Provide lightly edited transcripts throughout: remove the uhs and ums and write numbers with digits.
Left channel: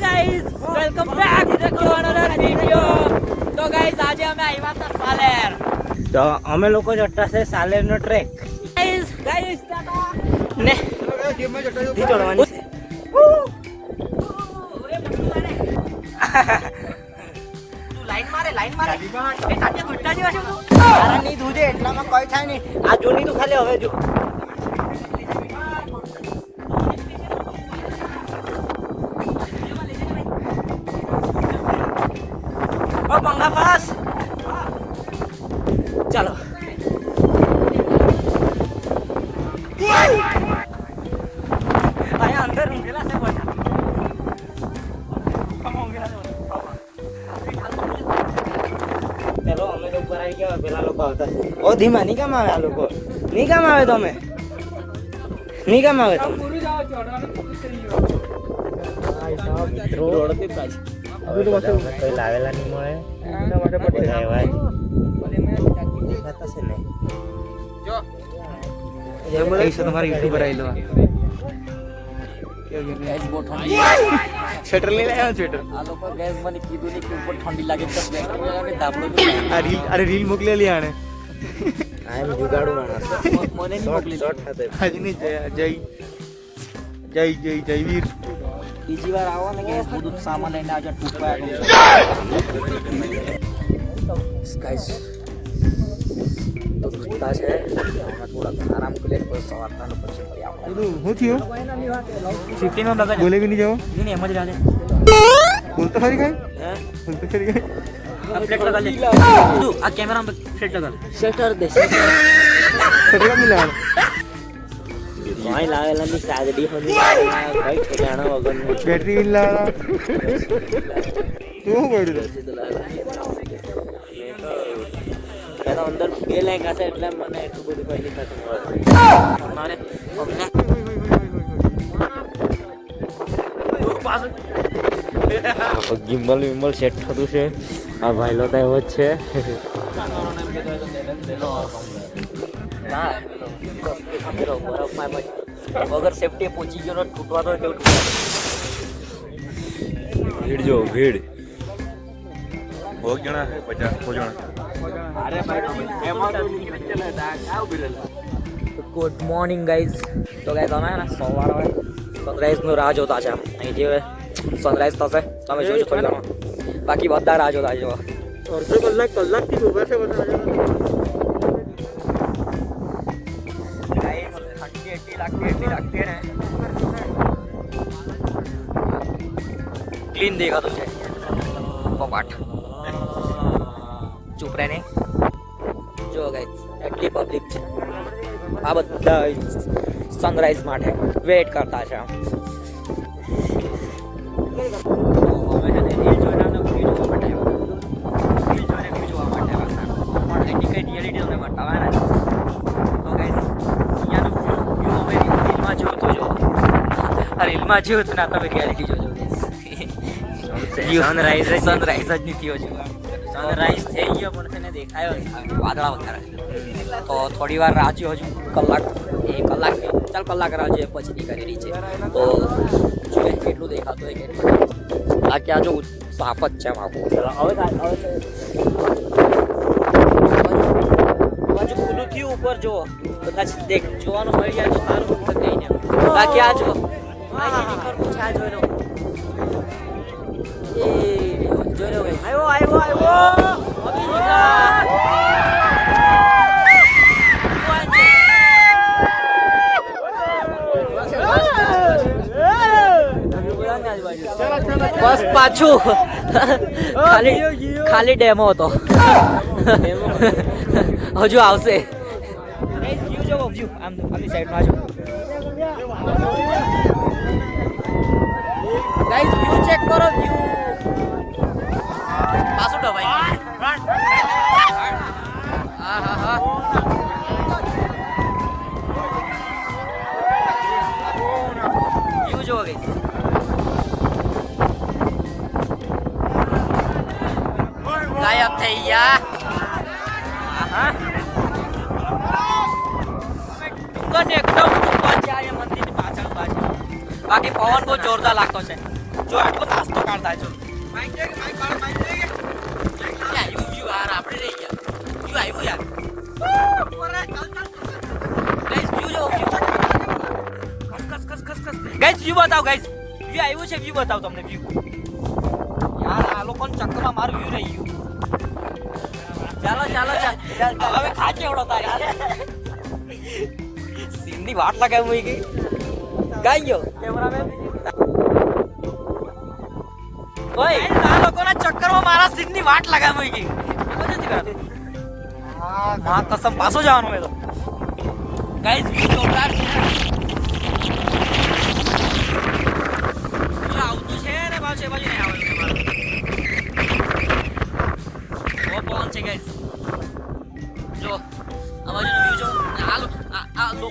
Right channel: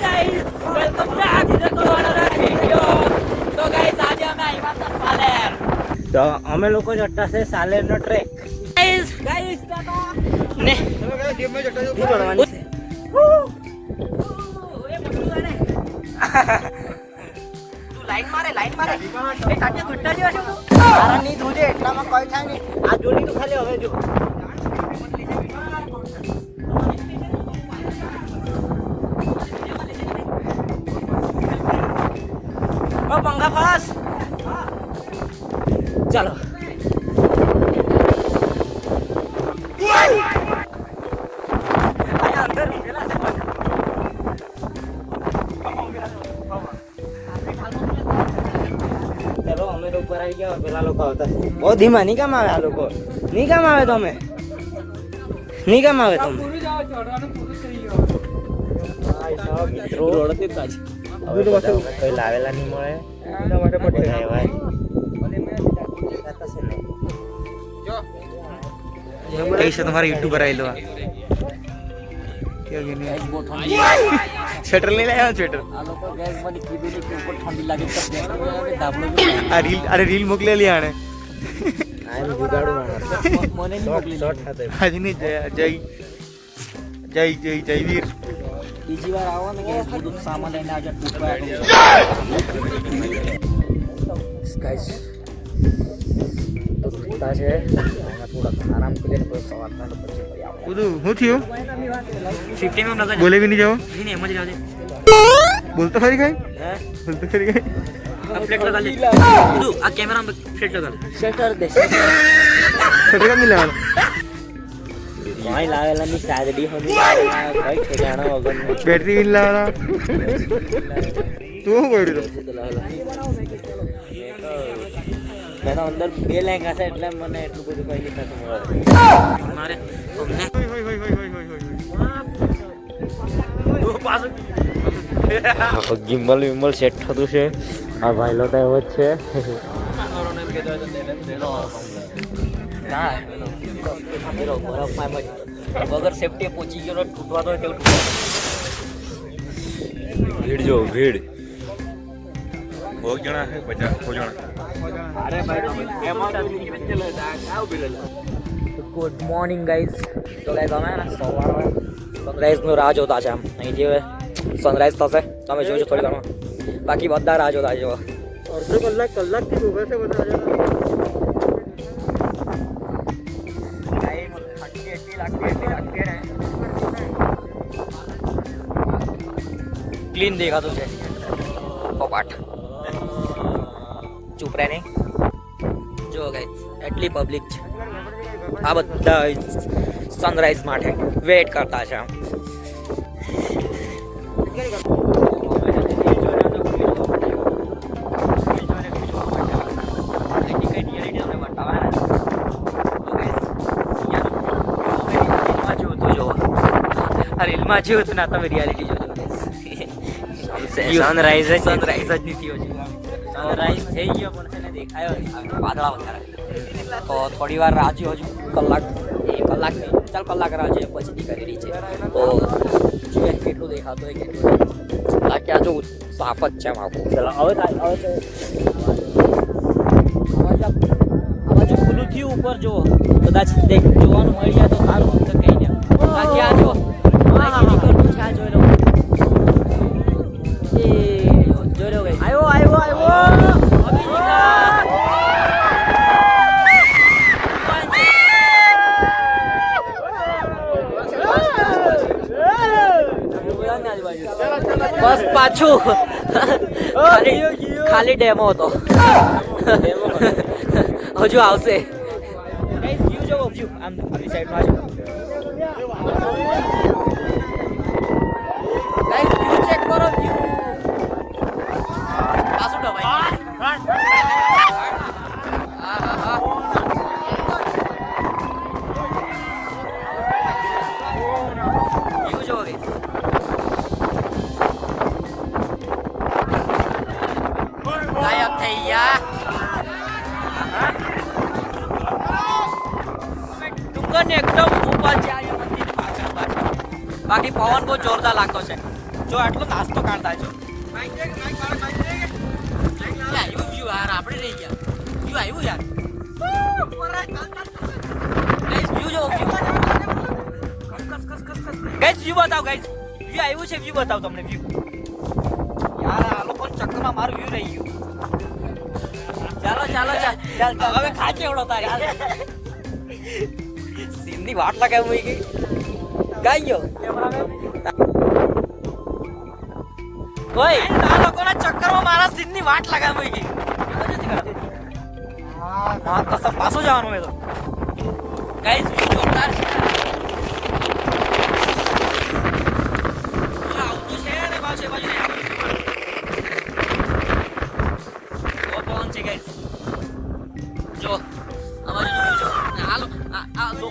guys, welcome back to another video. તો guys આજે અમે આવ્યા હતા સાલેર. તો અમે લોકો જતા છે સાલેર નો ટ્રેક. guys ને તું ચડવાની છે. તું લાઈન મારે એ સાથે ઘટતા જ હશે તું. તારા ની ધોજે એટલામાં કોઈ થાય નહીં. આ જોની તું ખાલી હવે જો. ઓ પંખા પાસ ચાલો. આયા અંદર ઊંઘેલા છે બધા. ચલો અમે લોકો પર આવી ગયા, પેલા લોકો આવતા છે. ઓ ધીમા નહીં કામ આવે આ લોકો, નહીં કામ આવે તમે, નહીં કામ આવે તમે. મિત્રો કઈ લાવેલા નહીં મળે કઈ છે તમારા યુટ્યુબર આવેલો સ્વેટર લઈ લાવ્યા સ્વેટર. અરે રીલ મોકલેલી આને હાજી નહીં જય જય જય જય વીર. બીજી વાર આવો ને કે બધું સામાન લઈને આજે ટૂંકા ગાઈસ તો દુખતા છે. હમણાં થોડાક આરામ કરીને પછી સવારના પછી ફરી આવો. બધું શું થયું? 15 નો નજર બોલે બી નહીં જાઓ. નહીં એમ જ રાલે બોલતો ખરી કઈ બોલતો ખરી કઈ. ફ્લેટ લગા લે આ કેમેરા માં ફ્લેટ લગા શટર દે શટર કા મિલાવાનો કોઈ લાવેલા ની સાગડી હોની કોઈ ખજાનો વગર બેટરી બિલ લાવેલા તું બોલ્યો તારા અંદર બે લેંગા છે એટલે મને એટલું બધું કઈ નહીં થતું મારે ગિમ્બલ વિમ્બલ સેટ થતું છે. આ ભાઈલો તો એવો જ છે. વગર સેફટી પહોંચી ગયો તૂટવા તો તેવું તૂટવા. ભીડ જો ભીડ બહુ જણા છે 50 ગુડ મોર્નિંગ ગાઈઝ. તો ગાઈઝ અમે ને સવારે સનરાઈઝનો રાહ જોતા છે. આમ અહીં જે સનરાઈઝ થશે તમે જોજો થોડી વારમાં. બાકી બધા રાહ જોતા છે. અડધો કલાકથી ઉભા છે બધા. ગાઈઝ ઠંડી એટલી લાગતી ને ક્લીન દેખાતું છે કપાટ. ચૂપ રહે નહીં. જો ગાઈઝ એટલી પબ્લિક છે. આ બધા સનરાઈઝ માટે વેઇટ કરતા છે. રીલમાં જોયું હતું ના તમે રિયાલિટી જોજો. સનરાઈઝ જ નથી થયો. સનરાઈઝ થઈ ગયો પણ તેને દેખાયો વાદળા વધારે. તો થોડી વાર રાહ હજુ કલાક કલાક નહીં ચાલ કલાક રાહ જોઈએ પછીથી કરેલી છે. તો જોઈએ કેટલું દેખાતું હોય કેટલું. બાકી આ જો સાફ જ છે આખું. હજુ ખુલ્લું થયું ઉપર જુઓ કદાચ જોવાનું મળી જાય તો સારું તો કઈ નહીં. બાકી આ જો નીકળતું છે. આ જોઈ લો એ જોઈ લો આવ્યો બસ પાછું ખાલી ડેમો હતો. હજુ આવશે. વ્યૂ જોવો વ્યૂ આમની સાઈડનો આજુ ગાઈસ વ્યૂ ચેક કરો વ્યૂ. પાછું દબાઈ વ્યૂ જોવો ગાઈસ. ગાયબ થઈ ગયા. ડુંગર ને એકદમ ઉપર જાય મંદિર પાછળ. બાકી પવન બહુ જોરદાર લાગતો છે. જો આટલો નાસ્તો કાઢતા જો આવ્યું વ્યૂ યાર આપણે રહી ગયા વ્યૂ આવ્યું યાર ગાઈસ વ્યૂ જો ગાઈસ વ્યૂ બતાવો ગાઈસ વ્યૂ આવ્યું છે વ્યૂ બતાવો તમને વ્યૂ યાર આ લોકોને ચક્કરમાં મારું વ્યૂ રહી ગયું ચાલો હવે ખાચે એવડો તારી સીનની વાટ લગાવી મૂકી ગઈ ગાઈ ગયો કેમેરામેન ઓય આ લોકોના ચક્કરમાં મારા સીનની વાટ લગાવી મૂકી ગઈ માં કસમ પાછું જવાનું મેં તો ગાઈસ વ્યૂ જોરદાર છે આવતું છે ને બાજુ નહીં આવે પવન છે ગાઈસ જો આ બાજુ વ્યૂ જો આ લો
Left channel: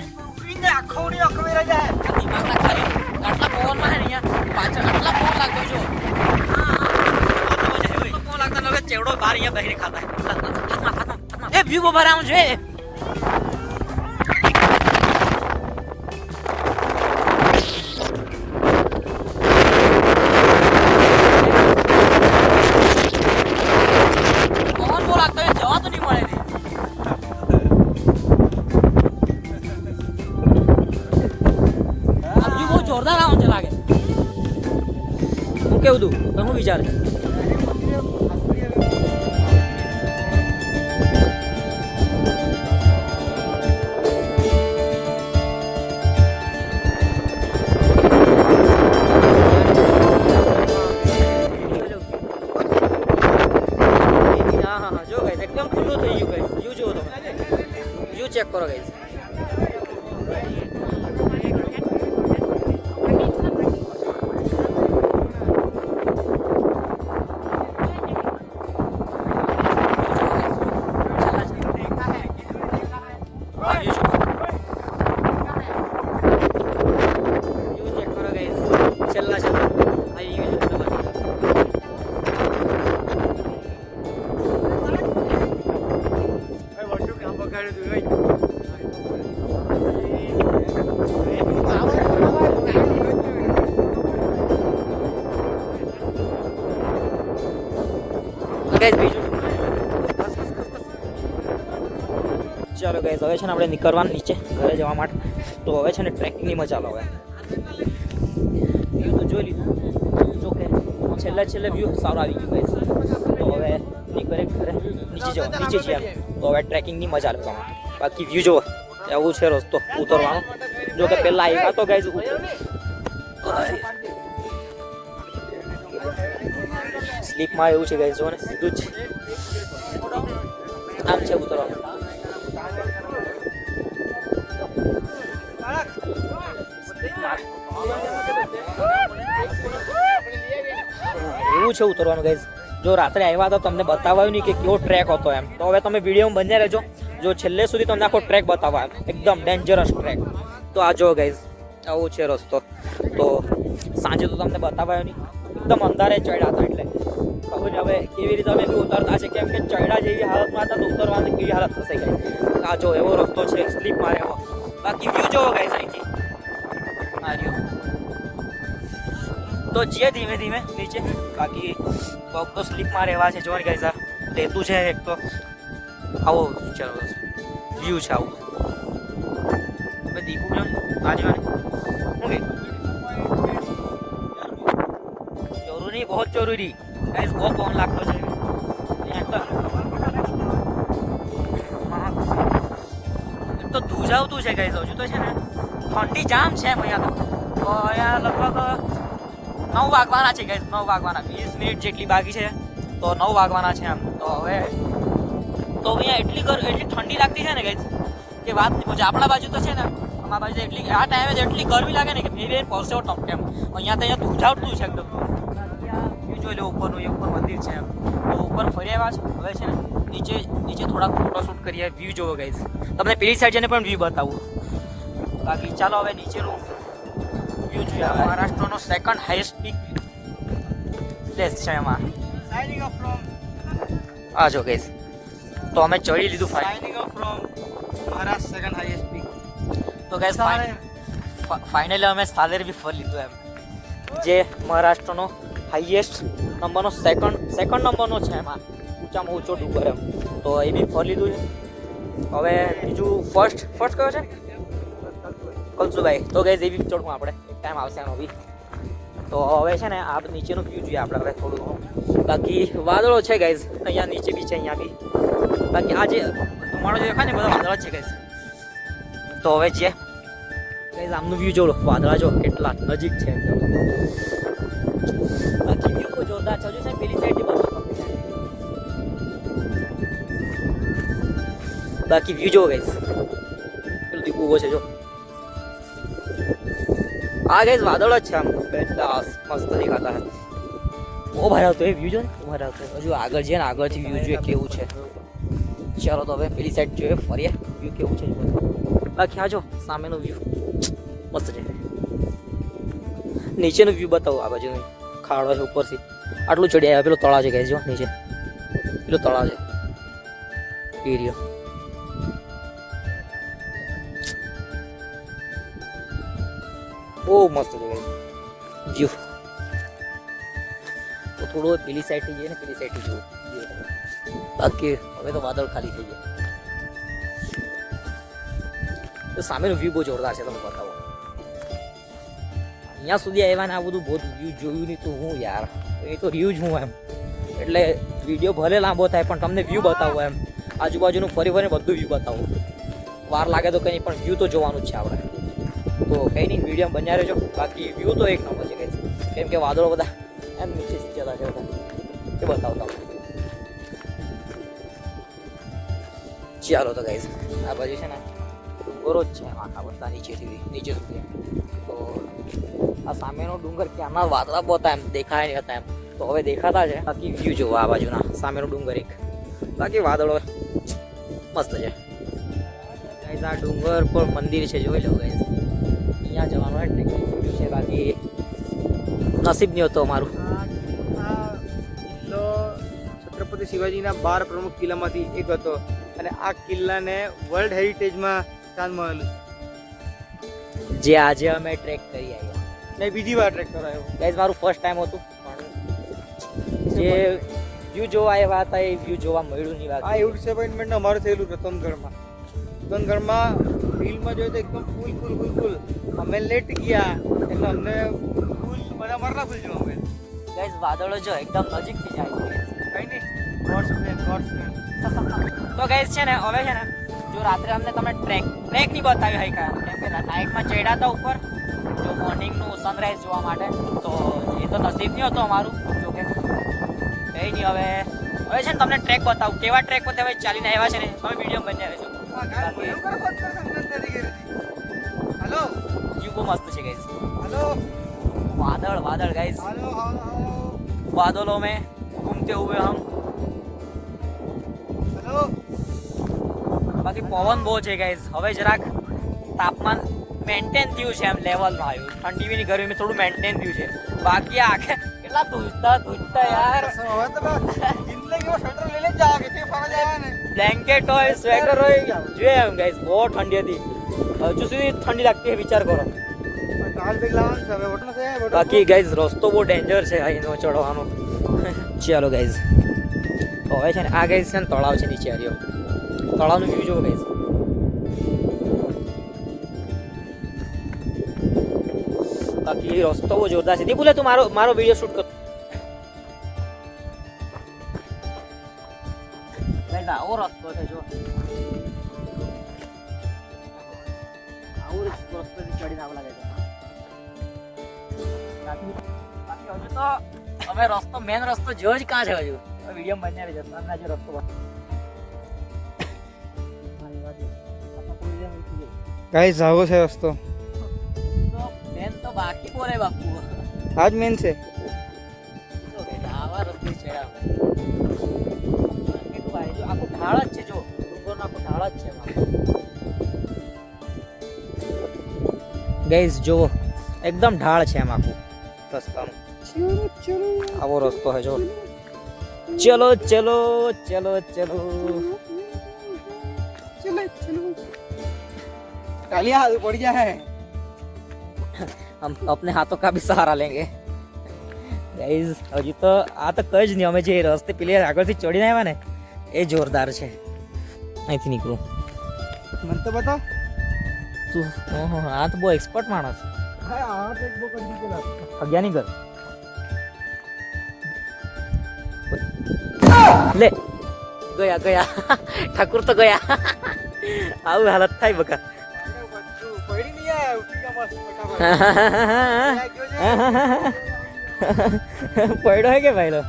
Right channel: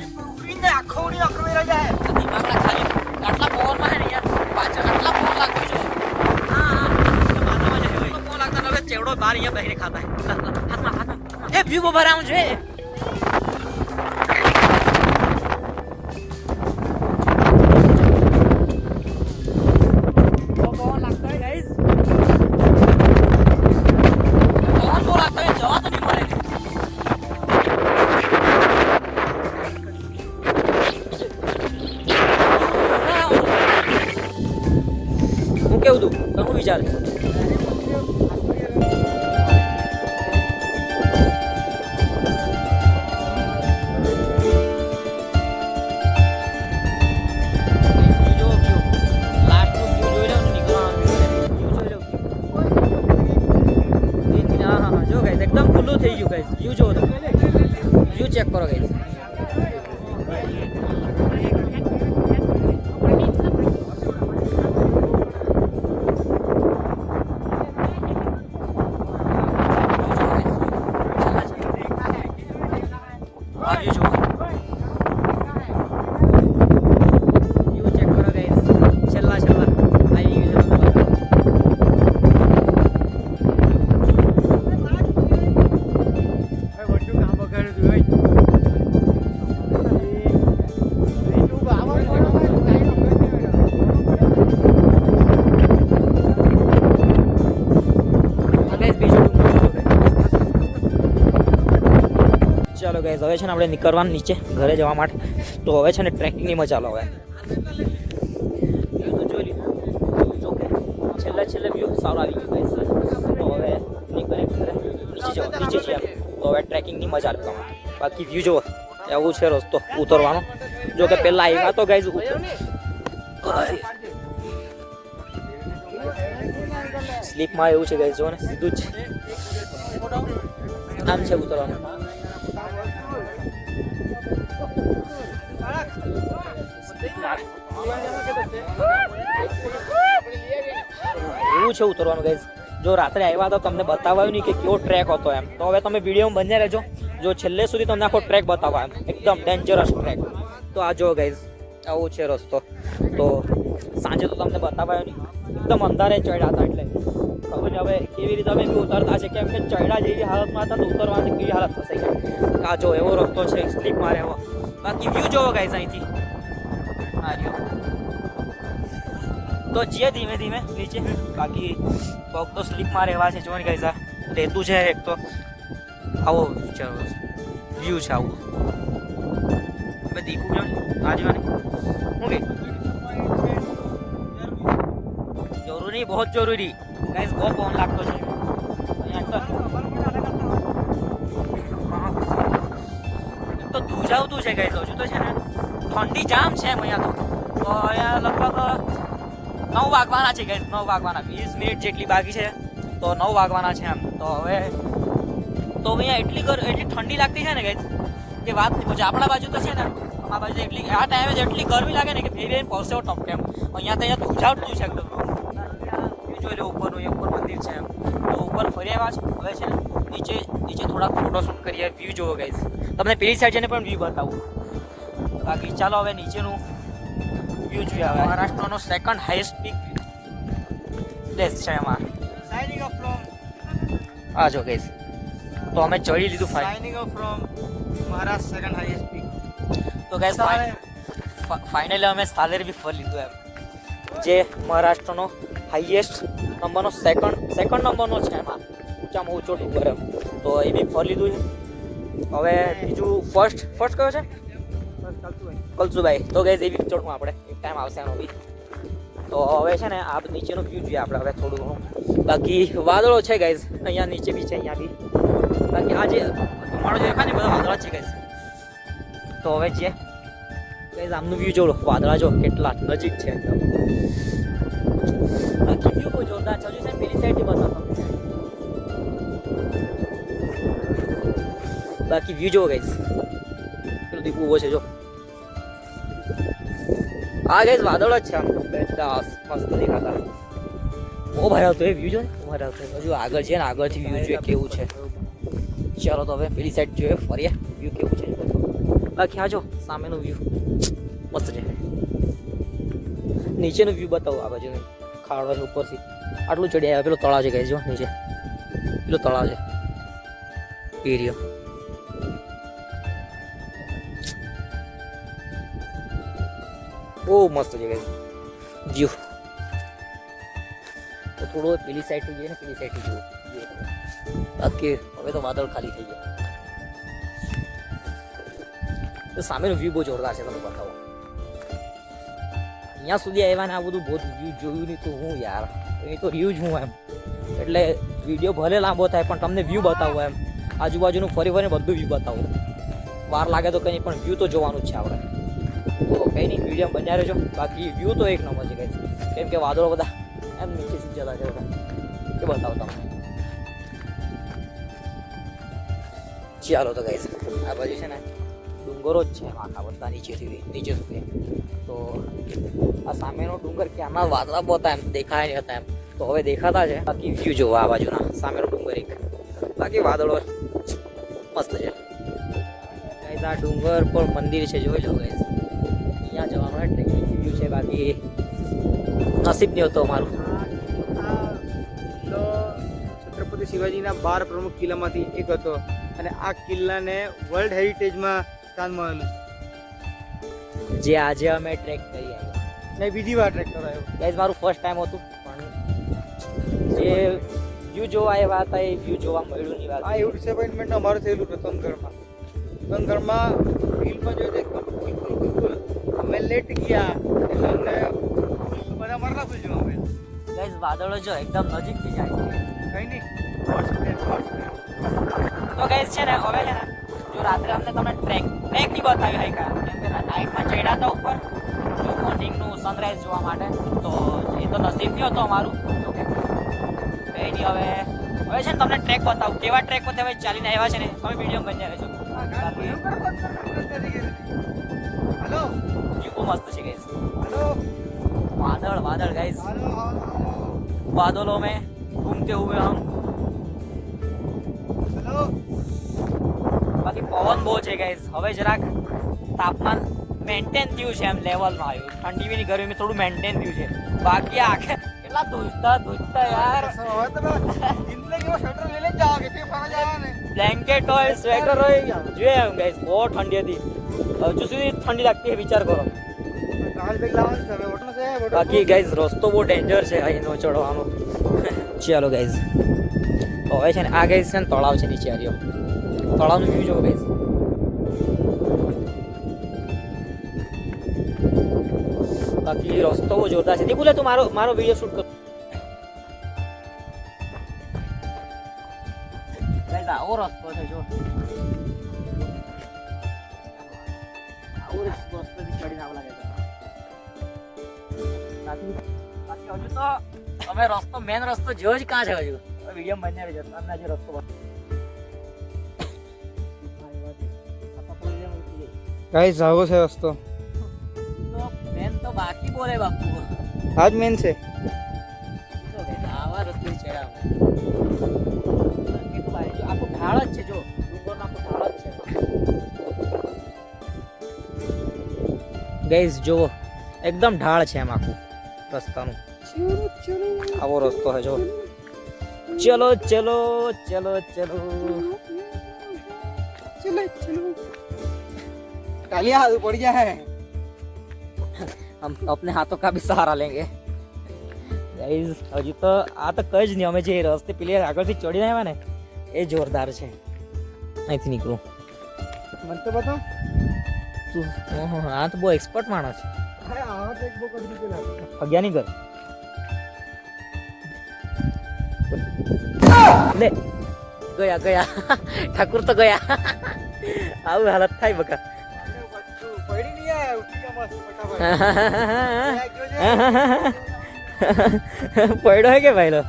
ઇને આખો રહી જાય આ દિમાગના ખાલી આટલા પવનમાં હે ને યાર પાછળ આટલા પવન લાગતો જો પવન લાગતા હવે ચેવડો બહાર અહીંયા બહાર ખાતા એ વ્યૂ બહાર આવું છે હું કેવું તું તો હું વિચાર જો ગાઈસ એકદમ ખુલ્લું થઈ ગયું ગાઈસ વ્યૂ જો તમે વ્યૂ ચેક કરો ગાઈસ ચાલો ગાઈસ હવે છે ને આપણે નીકળવાનું નીચે ઘરે જવા માટે તો હવે છે ને ટ્રેકિંગની મજા લો હવે છેલ્લે વ્યૂ સારો આવી ગયો ગાઈસ તો હવે નીકળે ઘરે નીચે છીએ તો હવે ટ્રેકિંગની મજા લો તમે બાકી વ્યૂ જુઓ એવું છે રસ્તો ઉતરવાનો જો કે પહેલા આવ્યા તો ગાઈસ સ્લીપમાં એવું છે ગાઈસ જો ને સીધું જ આમ છે ઉતરવાનું એવું છે ઉતરવાનું ગાઈઝ જો રાત્રે આવ્યા તો તમને બતાવાયું નહીં કે કેવો ટ્રેક હતો એમ તો હવે તમે વિડીયોમાં બન્યા રહેજો જો છેલ્લે સુધી તમને આખો ટ્રેક બતાવવા એમ એકદમ ડેન્જરસ ટ્રેક તો આ જો ગાઈઝ આવું છે રસ્તો તો સાંજે તો તમને બતાવાયો નહીં એકદમ અંધારે ચડ્યા હતા એટલે ખબર હવે કેવી રીતે અમે ઉતરતા છે કેમ કે ચડ્યા જેવી હાલતમાં હતા તો ઉતરવાની કેવી હાલત થશે આ જો એવો રસ્તો છે સ્લીપ મારે એવો બાકી વ્યૂ જોવો ગાઈઝ અહીંથી તો જઈએ ધીમે ધીમે નીચે બાકી પગ તો સ્લીપમાં રહેવા છે જોઈને ગાઈઝ રહેતું છે એક તો આવો ચાલો વ્યૂ છે આવું હવે દીપું જો આજવાની હું કે જરૂરી બહુ જરૂરી ગાઈઝ બહુ પવન લાગતો છે તો ધુજાવતું છે ગાઈઝ હજુ તો છે ને ઠંડી જામ છે એમ અહીંયા તો અહીંયા લગભગ 9 વાગવાના છે ગાઈઝ 9 વાગવાના 20 મિનિટ જેટલી બાકી છે તો 9 વાગવાના છે એમ તો હવે તો અહીંયા એટલી ઠંડી લાગતી છે ને ગાઈઝ કે વાત નહીં પહોંચે આપણા બાજુ તો છે ને અમારા બાજુ એટલી આ ટાઈમે જ એટલી ગરમી લાગે ને કે બે પરસેવો ટપકે એમ અહીંયા તો અહીંયા ધુજાવતું છે એકદમ જોઈ લો ઉપરનું એ ઉપર મંદિર છે એમ તો ઉપર ફરી આવ્યા છે હવે છે ને નીચે થોડાક ફોટોશૂટ કરીએ વ્યૂ જોવો ગાઈઝ તમને પેલી સાઈડ જઈને પણ વ્યૂ બતાવું બાકી ચાલો હવે નીચેનું વ્યૂ જોઈએ મહારાષ્ટ્રનો સેકન્ડ હાઈએસ્ટ પીક પ્લેસ છે એમાં આ જો ગાઈઝ તો અમે ચડી લીધું મહારાષ્ટ્ર સેકન્ડ હાઈએસ્ટ પીક તો ગાઈઝ ફાઇનલી અમે સાલેર બી ફરી લીધું એમ જે મહારાષ્ટ્રનો હાઈએસ્ટ નંબરનો સેકન્ડ નંબરનો છે એમાં ઊંચામાં ઊંચો ડુંગર એમ. તો એ બી ફરી લીધું છે. હવે બીજું ફર્સ્ટ કયો છે? કલસુભાઈ. તો ગઈ એ બી ચડવું આપણે, એક ટાઈમ આવશે એનો બી. તો હવે છે ને આ નીચેનું વ્યૂ જોઈએ આપણે હવે થોડું ઘણું. બાકી વાદળો છે ગાઈઝ, અહીંયા નીચે બી છે, અહીંયા બી. બાકી આ જે મારો જે દેખાય ને બધા વાદળા જ છે ગાઈઝ. તો હવે જે ગાઈઝ આમનું વ્યૂ જોડો, વાદળા જો કેટલા નજીક છે એકદમ. બાકી વ્યૂ બહુ જોરદાર છે. હજુ છે પેલી સાઈડથી બસો તમને. બાકી વ્યૂ જો ગાઈઝ પેલું દીપું ઉભો છે જો. આ ગાઈઝ વાદળ જ છે આમ બેસ્ટ મસ્ત દેખાતા. બહુ ભાઈ આવતો એ વ્યૂ જો ને ભાઈ આવતો. હજુ આગળ છે ને આગળથી વ્યૂ જોઈએ કેવું છે. ચાલો તો હવે પેલી સાઈડ જોઈએ ફરીએ વ્યૂ કેવું છે. બાકી આ જો સામેનું વ્યૂ મસ્ત છે. નીચેનું વ્યૂ બતાવો આ બાજુનું ખાડો છે ઉપરથી આટલું ચડી આવ્યા. પેલો તળાવ છે ગાઈઝ જો નીચે પેલો તળાવ છે એરિયો. બહુ મસ્ત છે વ્યૂ. તો થોડો પેલી સાઈડથી જઈએ ને પેલી સાઈડથી જુઓ. બાકી હવે તો વાદળ ખાલી થઈ ગયા. તો સામેનું વ્યૂ બહુ જોરદાર છે, તમે બતાવો. અહીંયા સુધી આવ્યા ને આ બધું બહુ વ્યૂ જોયું નહીં તો હું યાર, એ તો વ્યૂ જ હું એમ. એટલે વિડીયો ભલે લાંબો થાય પણ તમને વ્યૂ બતાવો એમ. આજુબાજુનું ફરી ફરીને બધું વ્યૂ બતાવો. વાર લાગે તો કંઈ પણ વ્યૂ તો જોવાનું જ છે આપણે. તો કંઈ નહીં, વિડીયો બન્યા રહેજો. બાકી વ્યૂ તો એક નંબર છે કંઈ, કેમ કે વાદળો બધા એમ નીચે જતા છે એ બતાવતા. ચાલો તો ગાઈઝ આ બાજુ છે ને ડુંગરો જ છે આખા બધા નીચે સુધી. તો આ સામેનો ડુંગર ક્યાંના વાદળા બહુ એમ દેખાય નહીં હતા એમ, તો હવે દેખાતા છે. બાકી વ્યૂ જોવો આ બાજુના સામેનો ડુંગર એક. બાકી વાદળો મસ્ત છે ગાઈઝ. આ ડુંગર પર મંદિર છે, જોઈ લો ગાઈઝ. ત્યાં જવાનું એટલે વ્યૂ છે. બાકી નસીબ નહીં હતો અમારું. છત્રપતિ શિવાજીના 12 પ્રમુખ કિલ્લામાંથી એક હતો અને આ કિલ્લાને વર્લ્ડ હેરિટેજમાં સ્થાન મળેલું છે. જે આજે અમે ટ્રેક કરી આવ્યા. મેં બીજી વાર ટ્રેક કરાયો ગાઈઝ. મારું ફર્સ્ટ ટાઈમ હતું પણ જે વ્યૂ જોવા આવ્યા હતા એ વ્યૂ જોવા મળ્યું નહીં. આ એવું ડિસઅપોઇન્ટમેન્ટ અમારું થયેલું છે તનગઢમાં ફિલ્મમાં જોયું તો એકદમ ફૂલ અમે લેટ ગયા એટલે અમને બધા મરલા ફૂલ જોવા મળ્યા. ગાઈઝ વાદળો જો એકદમ નજીકથી જાય છે. કંઈ નહીં, ગોડ્સ પ્લેન. તો ગાઈઝ છે ને હવે છે ને જો રાત્રે અમને તમને ટ્રેક નહીં બતાવી હોય કાંઈ, કેમ કે નાઇટમાં ચડ્યા હતા ઉપર જો મોર્નિંગનું સનરાઈઝ જોવા માટે. તો એ તો નસીબ નહીં હતો અમારું. જો કે કંઈ નહીં, હવે છે ને તમને ટ્રેક બતાવું કેવા ટ્રેક પર હવે ચાલીને આવ્યા છે ને. તમે વિડીયો બન્યા રહેજો. હેલો વ્યૂ બહુ મસ્ત છે ગાઈઝ. હેલો वादळ गाइस, હેલો बादलों में घूमते हुए हम. હેલો બાકી પવન બહુ છે ગાઈસ. હવે જરાક તાપમાન મેન્ટેન થયું છે એમ લેવલમાં આવ્યું. ઠંડી બી ગરમી થોડું મેન્ટેન થયું છે. બાકી આખે કેટલા ધૂજતા યાર. હવે તો જિંદગીમાં સ્વેટર લઈ લે જા કે ફરવા જવાની. બ્લેન્કેટ હોય સ્વેટર હોય જોઈએ એમ ગાઈસ. બહુ ઠંડી હતી, હજુ સુધી ઠંડી લાગતી છે, વિચાર કરો. બાકી ગાઈઝ રસ્તો બહુ ડેન્જર છે અહીંનો ચડવાનો. ચાલો ગાઈઝ તો હવે છે ને આ ગાઈઝ છે ને તળાવ છે નીચે આવ્યો. તળાવનું વ્યૂ જોવો ગાઈઝ. બાકી રસ્તો બહુ જોરદાર છે. તે બોલે તું મારો વિડીયો શૂટ કર ગાઈઝ. આવો રસ્તો છે જો, આવો રસ્તો ચડીને આવું લાગે છે. બાકી હજુ તો અમે મેન રસ્તો જો જ કાં છે. હજુ વિડીયો બનાવી છે તમને હજુ રસ્તો ગાઈસ આવો છે રસ્તો. મેન તો બાકી બોલે બાપુ. આજ મેન છે. આવા રસ્તે ચડ્યા કેટલું ભાઈ. જો આખું ઢાળ જ છે, જો ડુંગરનો આખું ઢાળ જ છે ગાઈઝ. જુઓ એકદમ ઢાળ છે એમ આખું રસ્તાનું. આવો રસ્તો છે જો. ચલો ચલો ચલો ચલો કાલિયા हाथ पड़ गया है. हम अपने हाथों का भी सहारा लेंगे. ગાઈઝ હજી તો આ તો કઈ જ નહીં, અમે જે રસ્તે પેલી આગળથી ચડીને આવ્યા ને એ જોરદાર છે. અહીંથી નીકળું મને તો બતાવ. તું આ તો બહુ એક્સપર્ટ માણસ. હા આ તો એક બહુ કરી દીધેલા. અગિયાર ની કર લે ગયા ગયા ઠાકુર તો ગયા. આવું હાલત થાય બકા. પડી નહીં આ ઉઠી જા મસ્ત ફટાફટ. પડ્યો હે કે ભાઈ લો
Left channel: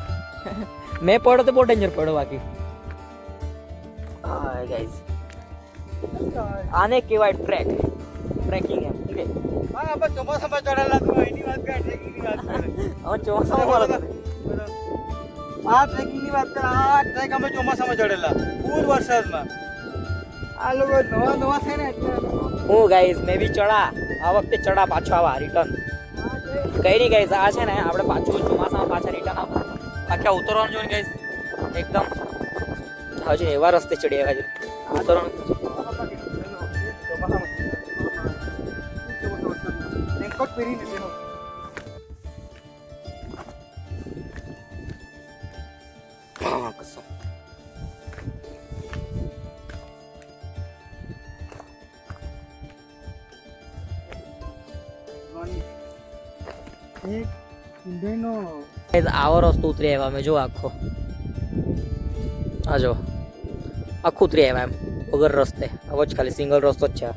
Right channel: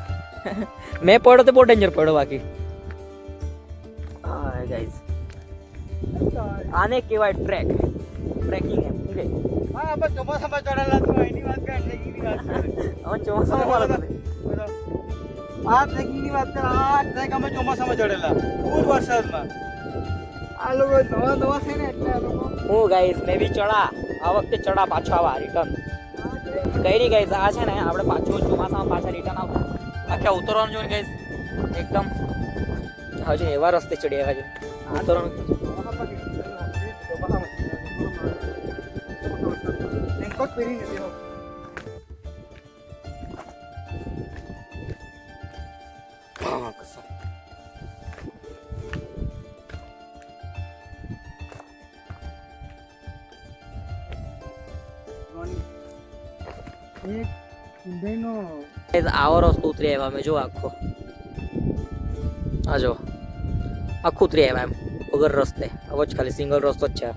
મેં પડ્યો તો બહુ ડેન્જર પડ્યો બાકી. હા ગાઈસ આને કહેવાય ટ્રેકિંગ એમ ઠીક છે. હા આપણે ચોમાસામાં ચડેલા તું એની વાત કર, ટ્રેકિંગની વાત કર. હવે ચોમાસામાં મારો આ ટ્રેકિંગની વાત કર. આ ટ્રેક અમે ચોમાસામાં ચડેલા ફૂલ વરસાદમાં. આ લોકો નવા છે ને એટલે હું ગાઈસ મેં બી ચડા આ વખતે ચડા પાછો આવા રિટર્ન કઈ નહીં ગાઈસ. આ છે ને આપણે પાછું ચોમાસામાં પાછા રિટર્ન આવતા બાકી ઉતરવાનું જોઈએ ગાઈસ એકદમ હજુ એવા રસ્તે ચડ્યા હજુ ઉતરવાનું. રેનકોટ પહેરીને બેહો. હા કસો આવો રસ્તો ઉતરી આવ્યા અમે જો આખો આ જો આખું ઉતરી આવ્યા એમ વગર રસ્તે આવો જ ખાલી સિંગલ રસ્તો જ છે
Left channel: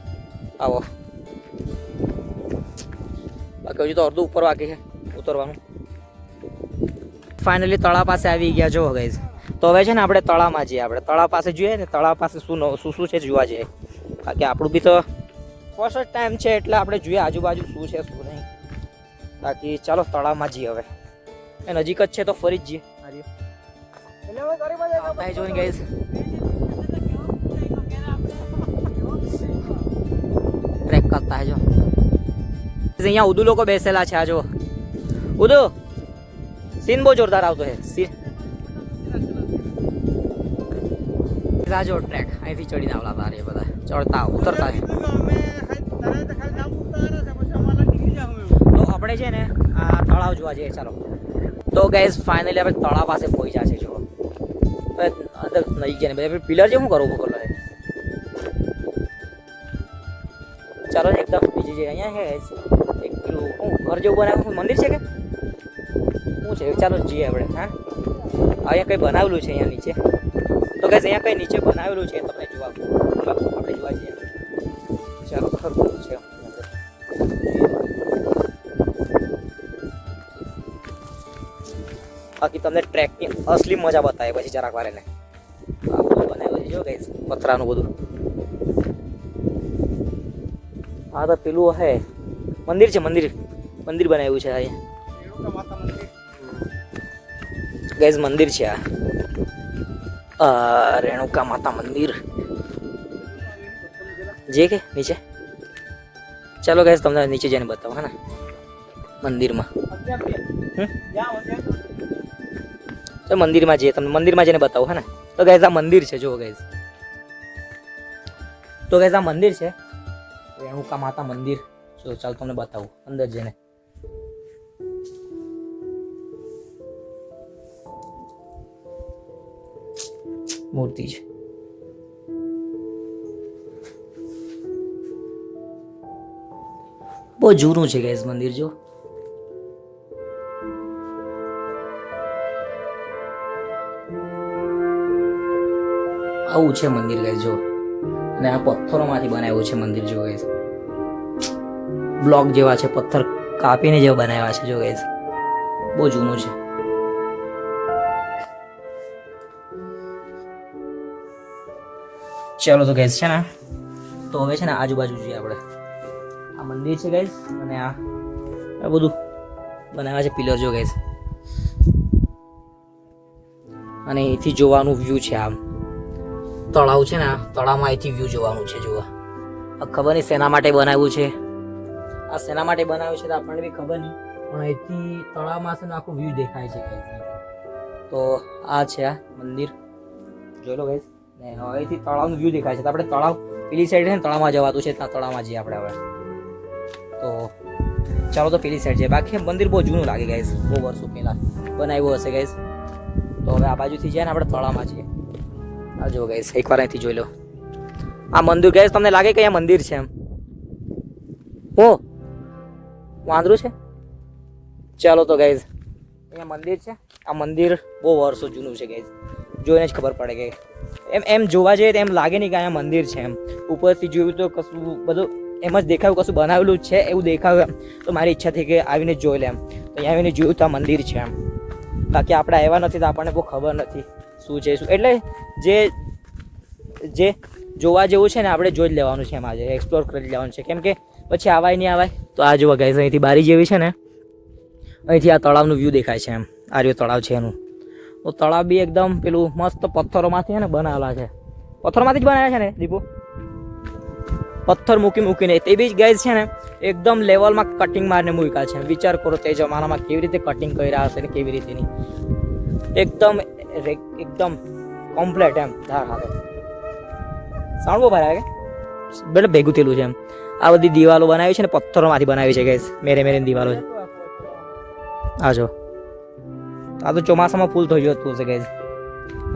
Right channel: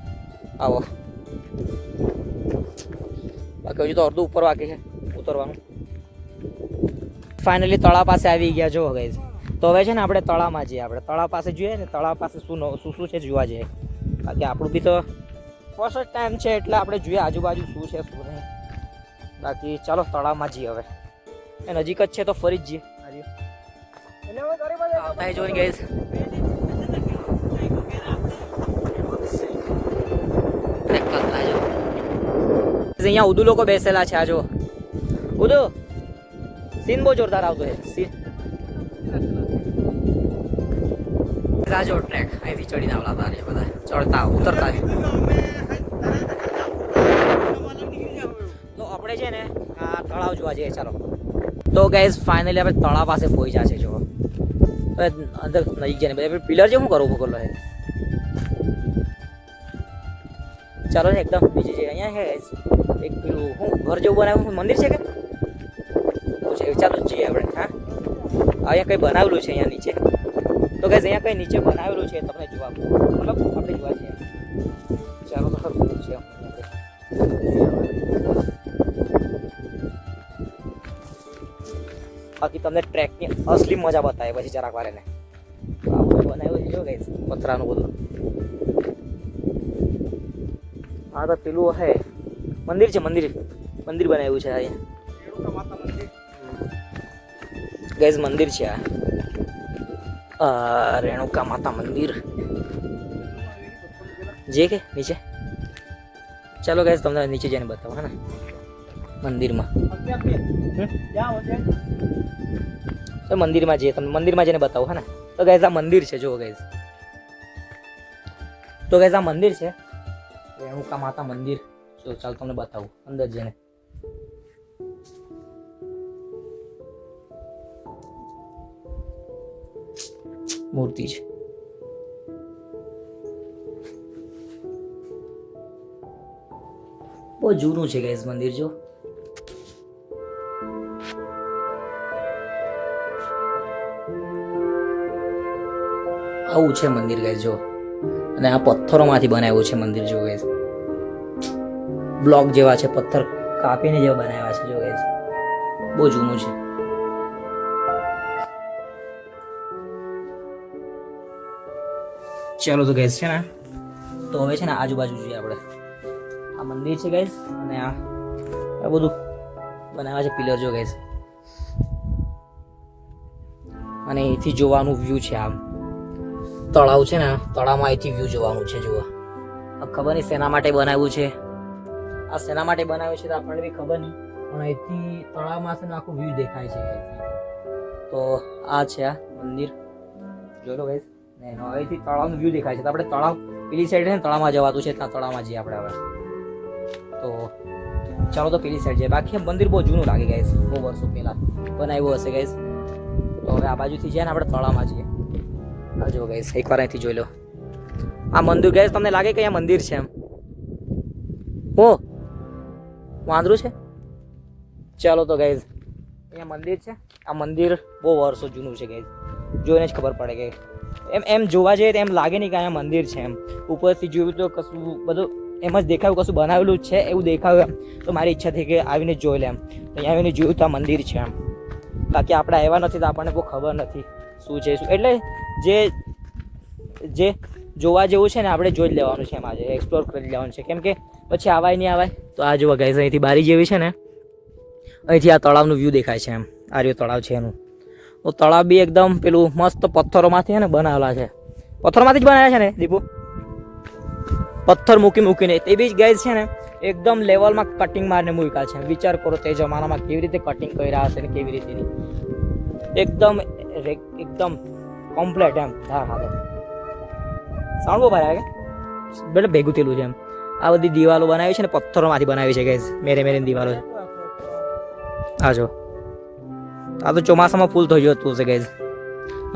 આવો બાકી હજુ તો અડધું ઉપર બાકી છે ઉતરવાનું. ફાઇનલી તળાવ પાસે આવી ગયા જો ગાઈઝ. તો હવે છે ને આપણે તળાવમાં જઈએ. આપણે તળાવ પાસે જોઈએ ને તળાવ પાસે શું છે જોવા જઈએ. બાકી આપણું બી તો ફર્સ્ટ ટાઈમ છે એટલે આપણે જોઈએ આજુબાજુ શું છે શું નહીં. બાકી ચાલો તળાવમાં જઈએ હવે. એ નજીક જ છે તો ફરી જ જઈએ. આવતા હે જોઈને ગાઈઝ. ટ્રેક કરતા હે જો અહીંયા ઉદુ લોકો બેસેલા છે. આ જો ઉદુ સીન બહુ જોરદાર આવતો છે સીન. રાજો ટ્રેક અહીંથી ચડીને આવલા હતા એ બધા ચડતા ઉતરતા. તો આપણે છે ને આ તળાવ જોવા જઈએ ચાલો. તો ગાઈઝ ફાઇનલી આપણે તળાવ પાસે પહોંચ્યા છે જો. અંદર નજીક જઈને બધા પિલર છે શું કરવું પકડલો છે. ચાલો ને એકદમ નીચે જઈએ. અહીંયા છે એક પેલું શું ઘર જેવું બનાવ્યું મંદિર છે કે ચાલો જઈએ આપણે. હા અહીંયા કંઈ બનાવેલું છે અહીંયા નીચે. તો ગાઈઝ અહીંયા કંઈ નીચે બનાવેલું છે તમને જોવા આપણે જોવા જઈએ. ચાલો તો ખરું છે. બાકી તમને ટ્રેકની અસલી મજા બતાવે પછી જરાક વાર એને બનાવેલું છે જો ગાઈઝ પથરાનું બધું. હા તો પેલું હે મંદિર છે મંદિર બનાવ્યું છે અહીંયા ગાઈઝ મંદિર છે આ રેણુકા માતા મંદિર જે કે નીચે. ચાલો ગાઈઝ તમને નીચે જઈને બતાવો હે ને મંદિરમાં. તો મંદિરમાં જઈએ તમને મંદિરમાં જઈને બતાવો હે ને. તો ગાઈઝ આ મંદિર છે જુઓ ગાઈઝ. તો ગાઈઝ આ મંદિર છે રેણુકા માતા મંદિર. તો ચાલ તમને બતાવું અંદર જઈને. મૂર્તિ છે બહુ જૂનું છે ગાઈઝ મંદિર જો. આવું છે મંદિર ગાઈઝ જો. અને આ પથ્થરોમાંથી બનાવ્યું છે મંદિર જો ગાઈઝ. બ્લોક જેવા છે પથ્થર કાપીને જેવા બનાવ્યા છે જો ગાઈઝ. બહુ જૂનું છે. ચાલો તો ગાઈઝ છે ને તો હવે છે ને આજુબાજુ જોઈએ આપણે. આ મંદિર છે ગાઈઝ અને આ બધું બનાવ્યા છે પિલર જો ગાઈઝ. અને અહીંથી જોવાનું વ્યૂ છે આમ તળાવ છે ને તળાવમાં અહીંથી વ્યૂ જોવાનું છે જુઓ. ખબર નહીં શેના માટે બનાવ્યું છે આ શેના માટે બનાવ્યું છે તો આપણને બી ખબર નહીં પણ અહીંથી તળાવમાં છે ને આખું વ્યૂ દેખાય છે ગાઈઝ. તો આ છે આ મંદિર જોઈ લો ગાઈઝ. ને હવેથી તળાવનું વ્યૂ દેખાય છે. તો આપણે તળાવ પેલી સાઈડ છે ને તળાવમાં જવાતું છે ત્યાં તળાવમાં જઈએ આપણે હવે. તો ચાલો તો પેલી સાઈડ છે. બાકી મંદિર બહુ જૂનું લાગે ગાઈસ, બહુ વર્ષો પહેલા બનાવ્યું હશે ગાઈસ. તો હવે આ બાજુથી જાય ને આપણે તળાવમાં છીએ. આ જો ગાઈસ એકવાર અહીંથી જોઈ લો આ મંદિર ગાઈસ. તમને લાગે કે અહીંયા મંદિર છે એમ? ઓ વાંદરું છે. ચાલો તો ગાઈસ અહીંયા મંદિર છે. આ મંદિર બહુ વર્ષો જૂનું છે ગાઈસ, જોઈને જ ખબર પડે કે એમ જોવા જઈએ તો એમ લાગે નહીં કે અહીંયા મંદિર છે એમ. ઉપરથી જોયું તો કશું બધું એમ જ દેખાયું, કશું બનાવેલું છે એવું દેખાયું એમ. તો મારી ઈચ્છા થઈ કે આવીને જોઈ લે એમ. તો અહીંયા આવીને જોયું તો આ મંદિર છે એમ. બાકી આપણે આવ્યા નથી તો આપણને બહુ ખબર નથી શું છે શું. એટલે જે જોવા જેવું છે ને આપણે જોઈ જ લેવાનું છે એમ. આજે એક્સપ્લોર કરી લેવાનું છે, કેમ કે પછી આવાય નહીં આવાય. તો આ જોવા ગાઈસ અહીંથી બારી જેવી છે ને, અહીંથી આ તળાવનું વ્યૂ દેખાય છે એમ. આ રહ્યું તળાવ છે એનું. તો તળાવ બી એકદમ પેલું મસ્ત પથ્થરોમાંથી ને બનાવેલા છે. પથ્થરમાંથી જ બનાવ્યા છે ને દીપુ? પથ્થર મૂકીને તે બી ગાઈસ છે ને એકદમ લેવલમાં કટિંગ મારીને મૂક્યા છે. વિચાર કરો તે જમાનામાં કેવી રીતે કટિંગ કરી રહ્યા હશે ને કેવી રીતે નહીં. એકદમ કમ્પ્લેટ એમ. હા હા સાઉન્ડ બહુ ભારે કે એટલે ભેગું થયેલું છે એમ. આ બધી દિવાલો બનાવી છે ને પથ્થરોમાંથી બનાવી છે ગાઈસ. મેરેની દિવાલો છે. આ જો આ તો ચોમાસામાં ફૂલ થઈ જતું હશે ગાઈસ.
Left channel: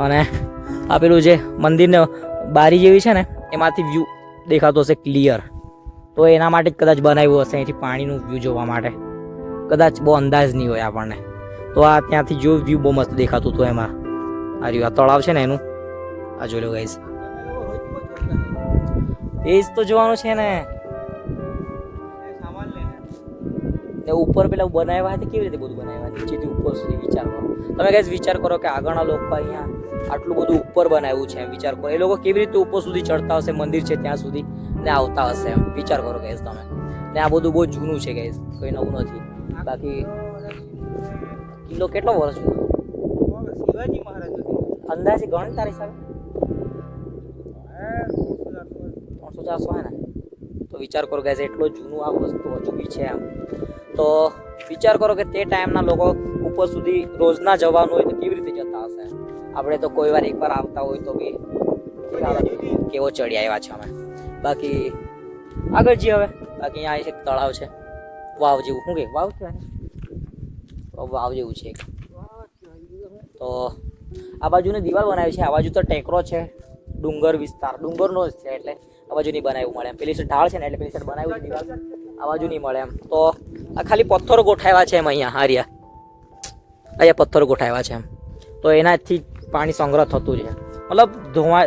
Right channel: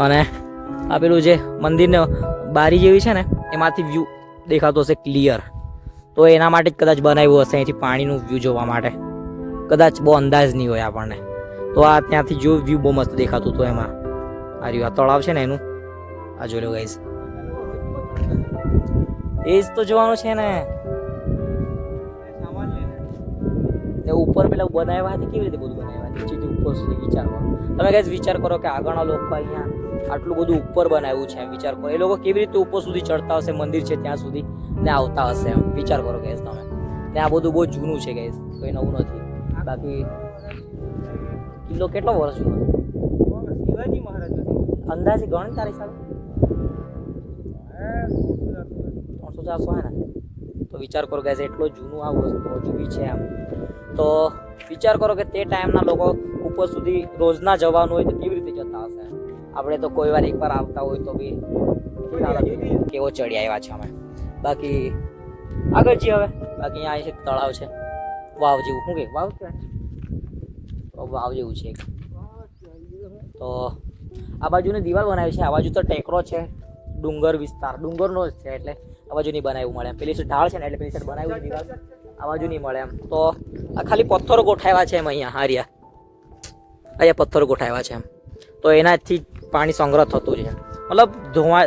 અને આ પેલું જે મંદિરને બારી જેવી છે ને એમાંથી વ્યૂ દેખાતો હશે ક્લિયર. તો એના માટે જ કદાચ બનાવ્યું હશે, અહીંથી પાણીનું વ્યૂ જોવા માટે. કદાચ બહુ અંદાજ નહીં હોય આપણને. તો આ ત્યાંથી જો વ્યૂ બહુ મસ્ત દેખાતું હતું એમાં. આ રહ્યું આ તળાવ છે ને એનું. આ જોઈ લો ગાઈસ, એ જ તો જોવાનું છે ને. ઉપર પેલા બનાવ્યા હતા કેવી રીતે બધું બનાવ્યા, નીચેથી ઉપર સુધી વિચાર કરો તમે ગાઈસ. વિચાર કરો કે આગળના લોકો અહીંયા આટલું બધું ઉપર બનાવ્યું છે એમ. વિચાર કરો એ લોકો કેવી રીતે ઉપર સુધી ચડતા હશે, મંદિર છે ત્યાં સુધી ને આવતા હશે એમ. વિચાર કરો ગાઈસ તમે. ને આ બધું બહુ જૂનું છે ગાઈસ, કંઈ નવું નથી. બાકી કિલ્લો કેટલો વર્ષ જૂનો? શિવાજી મહારાજ અંદાજે ગણ તારી હિસાબે 300-400 હે ને? તો વિચાર કરો ગાઈસ એટલો જૂનું આ વસ્તુ હજુ બી છે એમ. તો વિચાર કરો કે તે ટાઈમના લોકો ઉપર સુધી રોજના જવાનું હોય તો કેવી રીતે જતા હશે. આપણે તો કોઈ વાર એકવાર આવતા હોય તો બી કેવો ચડી આવ્યા છે અમે. બાકી આગળ જઈએ હવે. બાકી અહીંયા એક તળાવ છે, વાવ જેવું. શું કે વાવ કહેવાય? વાવ જેવું છે. તો આ બાજુની દિવાલ બનાવી છે, આ બાજુ તો ટેકરો છે, ડુંગર વિસ્તાર ડુંગરનો જ છે એટલે આ બાજુ નહીં બનાવ્યું મળે એમ. પેલી સાઈડ ઢાળ છે ને એટલે પેલી સાઈડ બનાવ્યું દિવાલ, આ બાજુ નહીં મળે એમ. તો આ ખાલી પથ્થરો ગોઠાવ્યા છે એમ. અહીંયા પથ્થરો ગોઠાવ્યા છે એમ. તો એનાથી પાણી સંગ્રહ થતું છે, મતલબ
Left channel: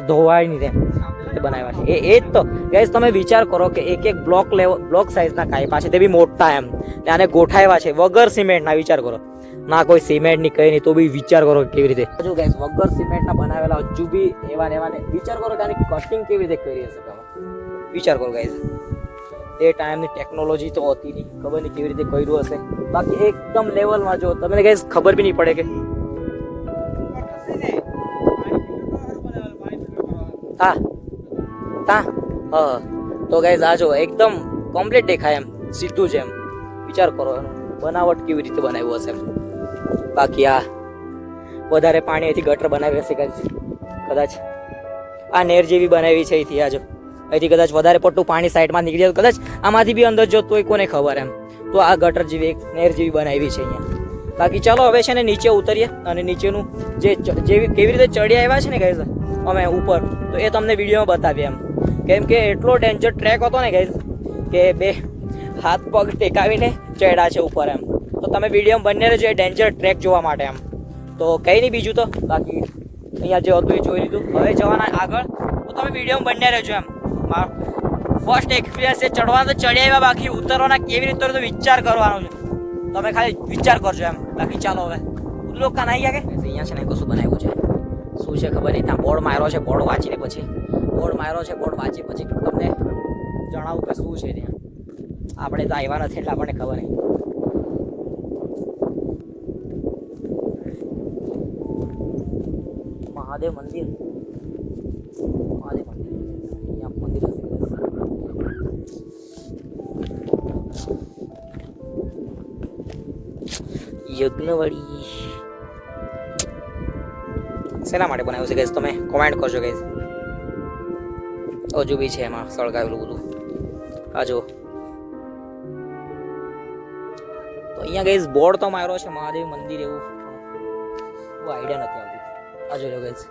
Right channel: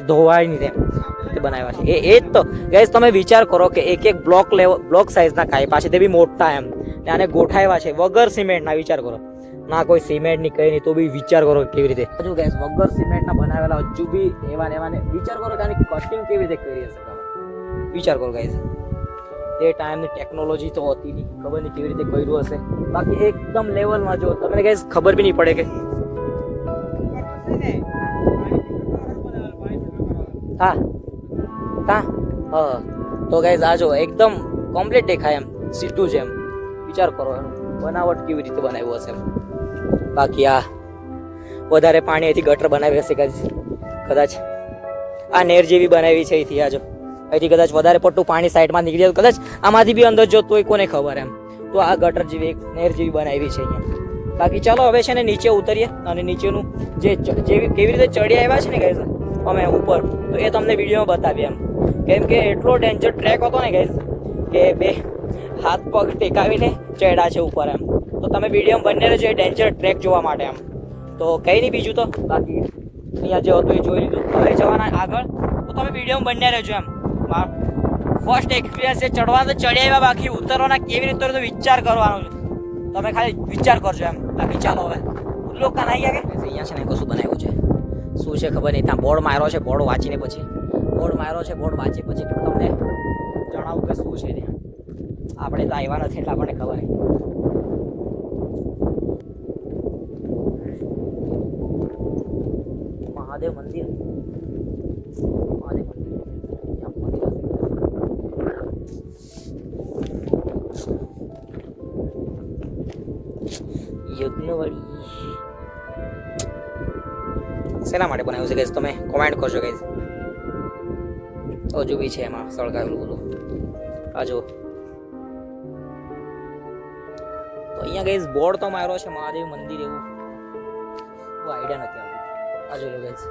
ધોવાય નહીં એમ રીતે બનાવ્યા છે. એ જ તો ગાઈસ તમે વિચાર કરો કે એક બ્લોક સાઇઝના કાંઈ છે તે બી મોટા એમ. આને ગોઠાવ્યા છે વગર સિમેન્ટના. વિચાર કરો ના કોઈ સિમેન્ટ ની કઈ નહીં તો બી વિચાર કરો કેવી રીતે. હજુ ગાઈસ વગર સિમેન્ટના બનાવેલા હજુ બી એવા ને વિચાર કરો કે આની કટિંગ કેવી રીતે કરી હશે તમે. વિચાર કરો ગાઈસ, તે ટાઈમની ટેકનોલોજી તો હતી નહીં, ખબર નહીં કેવી રીતે કર્યું હશે. બાકી એકદમ લેવલમાં જો તમને ગાઈસ ખબર બી નહીં પડે કે હા તો ગાઈસ આ જો એકદમ કમ્પ્લીટ દેખાય એમ, સીધું છે એમ. વિચાર કરો બનાવટ કેવી રીતે બનાવ્યું હશે. બાકી આ વધારે પાણી અહીંથી ગટર બનાવી હશે કદાચ. આ નેર જેવી બનાવી છે અહીંથી. આ જો અહીંથી કદાચ વધારે પડતું પાણી સાઈડમાં નીકળી જાય કદાચ આમાંથી બી અંદર જતું હોય કોને ખબર એમ. તો આ ગટર જેવી એક નેર જેવી બનાવી છે અહીંયા. બાકી ચાલો હવે છે ને નીચે ઉતરીએ અને નીચેનું કેવી રીતે ચડી આવ્યા છે ને ગાઈસ અમે ઉપર, તો એ તમને વિડીયોમાં બતાવીએ એમ. કેમ કે એટલો ડેન્જર ટ્રેક હતો ને ગાઈસ કે બે હાથ પગ ટેકાવીને ચડ્યા છે ઉપર એમ. તો તમે વિડીયોમાં બંને રહેજો એ ડેન્જર ટ્રેક જોવા માટે એમ. તો કંઈ નહીં બીજું તો બાકી અહીંયા જે હતું એ જોઈ લીધું. હવે જવાના આગળ, તો તમે વિડીયોમાં બંને રહેજો એમ. ફર્સ્ટ એક્સપિરિયન્સ છે ચડવાનો તો ચડી આવ્યા, બાકી ઉતરવાના કેવી રીતે તો વિચાર કરવાનો છે. તમે ખાલી વિચાર કરજો એમ. બાકી ચાલો હવે લોકો કાન આવી ગયા કે અહીંયા છે ને કશું બનાવ્યું છે શું છે ખબર નહીં. ત્યાં બોર્ડ માર્યો છે, બોર્ડ વાંચી પછી તમને જણાવું કે શું છે ત્યાં. આપણે તો આવ્યા નથી એટલે આપણને ખબર નહીં. મહાદેવ મંદિર યજ્ઞવાડી શેના માટે બનાવ્યું છે ગાઈસ તમે કોમેન્ટ કરજો ગાઈસ. હજુ બી છે એમાં સળગાવેલું બધું. આ જો અહીંયા ગાઈઝ બોર્ડ તો માર્યો છે મહાદેવ મંદિર એવું બહુ આઈડિયા નથી આવતી. આ જોઈ લો ગાઈઝ.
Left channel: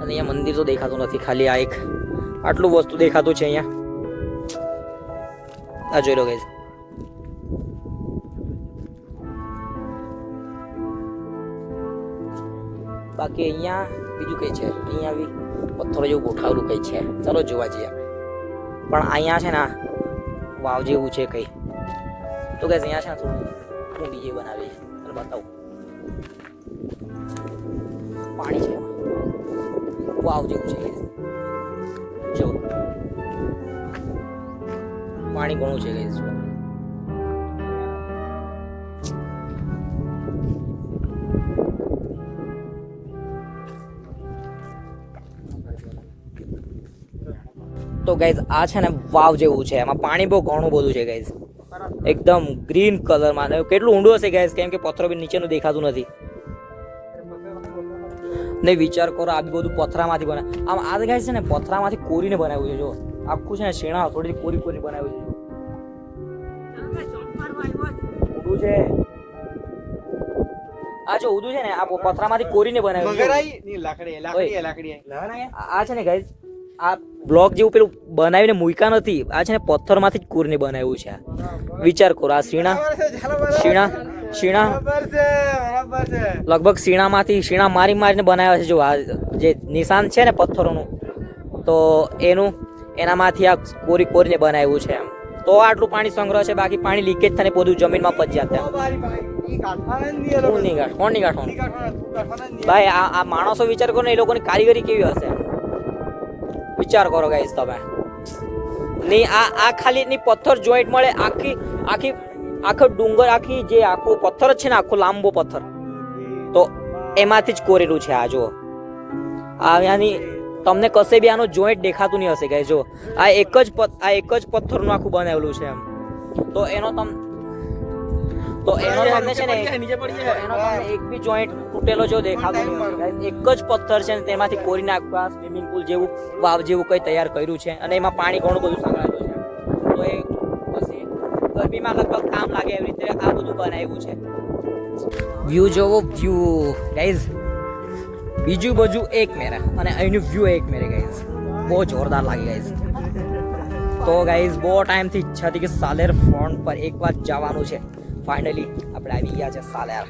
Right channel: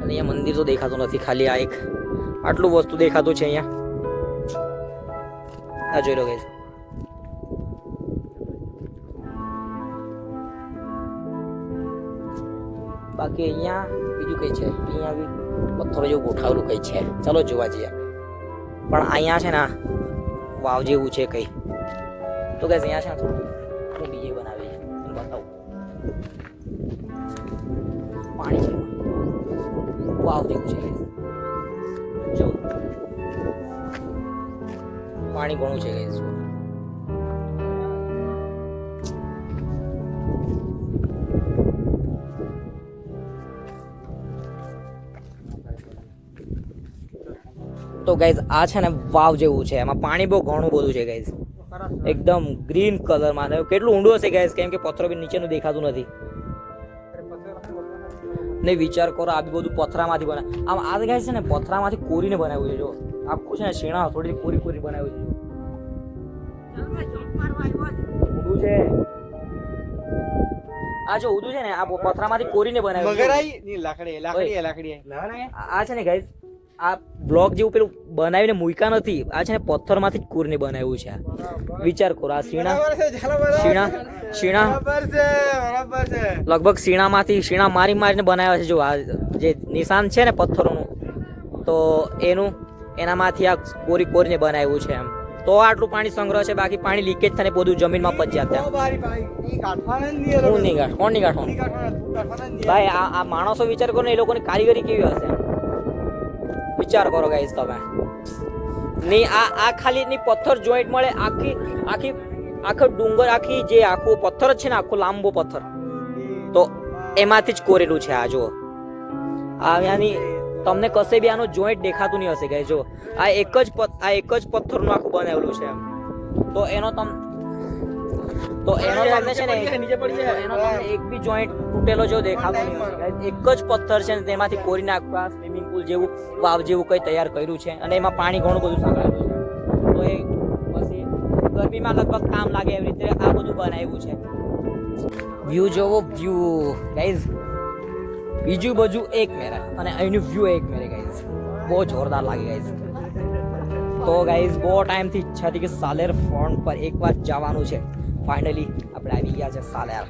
અને અહીંયા મંદિર તો દેખાતું નથી, ખાલી આ એક આટલું વસ્તુ દેખાતું છે અહીંયા. આ જોઈ લો ગાઈઝ. બાકી અહીંયા બીજું કઈ છે? અહીંયા બી પથ્થરો જેવું ગોઠાવેલું કઈ છે, ચાલો જોવા જઈએ. પણ અહીંયા છે ને વાવ જેવું છે કઈ, તો ગાઈઝ અહીંયા છે ને હું બીજે બનાવી અને બતાવું. પાણી છે, વાવ જેવું છે જો, પાણી ઘણું છે ગાઈઝ જો. તો ગાઈઝ આ છે ને વાવ જેવું છે, એમાં પાણી બહુ ઘણું બધું છે ગાઈઝ, એકદમ ગ્રીન કલરમાં. કેટલું ઊંડું હશે ગાઈઝ, કેમ કે પથ્થરો બી નીચેનું દેખાતું નથી. નહીં વિચાર કરો, આ બી બધું પથરામાંથી બનાવે. આમ આ ગાઈઝ છે ને પથરામાંથી કોરીને બનાવ્યું છે જો, આખું છે ને શેણા થોડી કોરી કોરી બનાવ્યું છે જો. ઊંડું છે આ જો, ઊંડું છે ને આ પથરામાંથી કોરીને બનાવ્યું છે. આ છે ને ગાઈઝ આ બ્લોક જેવું પેલું બનાવીને મૂક્યા નથી, આ છે ને પથ્થરમાંથી જ કોરીને બનાવ્યું છે. વિચાર કરો, આ શીણા લગભગ શીણા મારીને બનાવ્યા છે જો. આ જે નિશાન છે ને પથ્થરોનું, તો એનામાંથી આ કોરીને બનાવ્યું છે. તો આટલું પાણી સંગ્રહ છે, બાકી પાણી લીકેજ થઈને બધું જમીનમાં પચ્યા હતા. કોણ નહીં ગાંઠવાનું ભાઈ? આ માણસો વિચાર કરો ને, એ લોકોની કારીગરી કેવી હશે વિચાર કરો ગાઈસ તમે. નહીં આ ખાલી ની પથ્થર જોઈન્ટ મળે, આખો ડુંગર, આખી જે આખો પથ્થર છે ને, આખો લાંબો પથ્થર, તો એમાંથી જ કોરેલું છે. આ જો આની તમને કશે બી આનો જોઈન્ટ દેખાતું નહીં હશે ગાઈસ જો. આ એક જ પથ્થરનું આખું બનાવેલું છે એમ. તો એનો તમને છે ને એક બી જોઈન્ટ તૂટેલો જો દેખાતો નહીં હશે ગાઈસ. એક જ પથ્થર છે ને તેમાંથી કોરીને આખા સ્વિમિંગ પુલ જેવું, વાવ જેવું કઈ તૈયાર કર્યું છે. અને એમાં પાણી ઘણું બધું સંગ્રહાયેલું છે. તો એ પછી ગરમીમાં લગભગ કામ લાગે એવી રીતે આ બધું બનાવ્યું છે. વ્યૂ જોવો, વ્યૂ ગાઈસ, બીજું બાજુ એક મેરે અને અહીંનું વ્યૂ એક મેરે ગાઈસ, બહુ જોરદાર લાગે ગાઈસ. તો ગાઈસ બહુ ટાઈમથી ઈચ્છા હતી કે સાલેર ફોન પર એકવાર જવાનું છે. ફાઇનલી આપણે આવી ગયા છે સાલેર.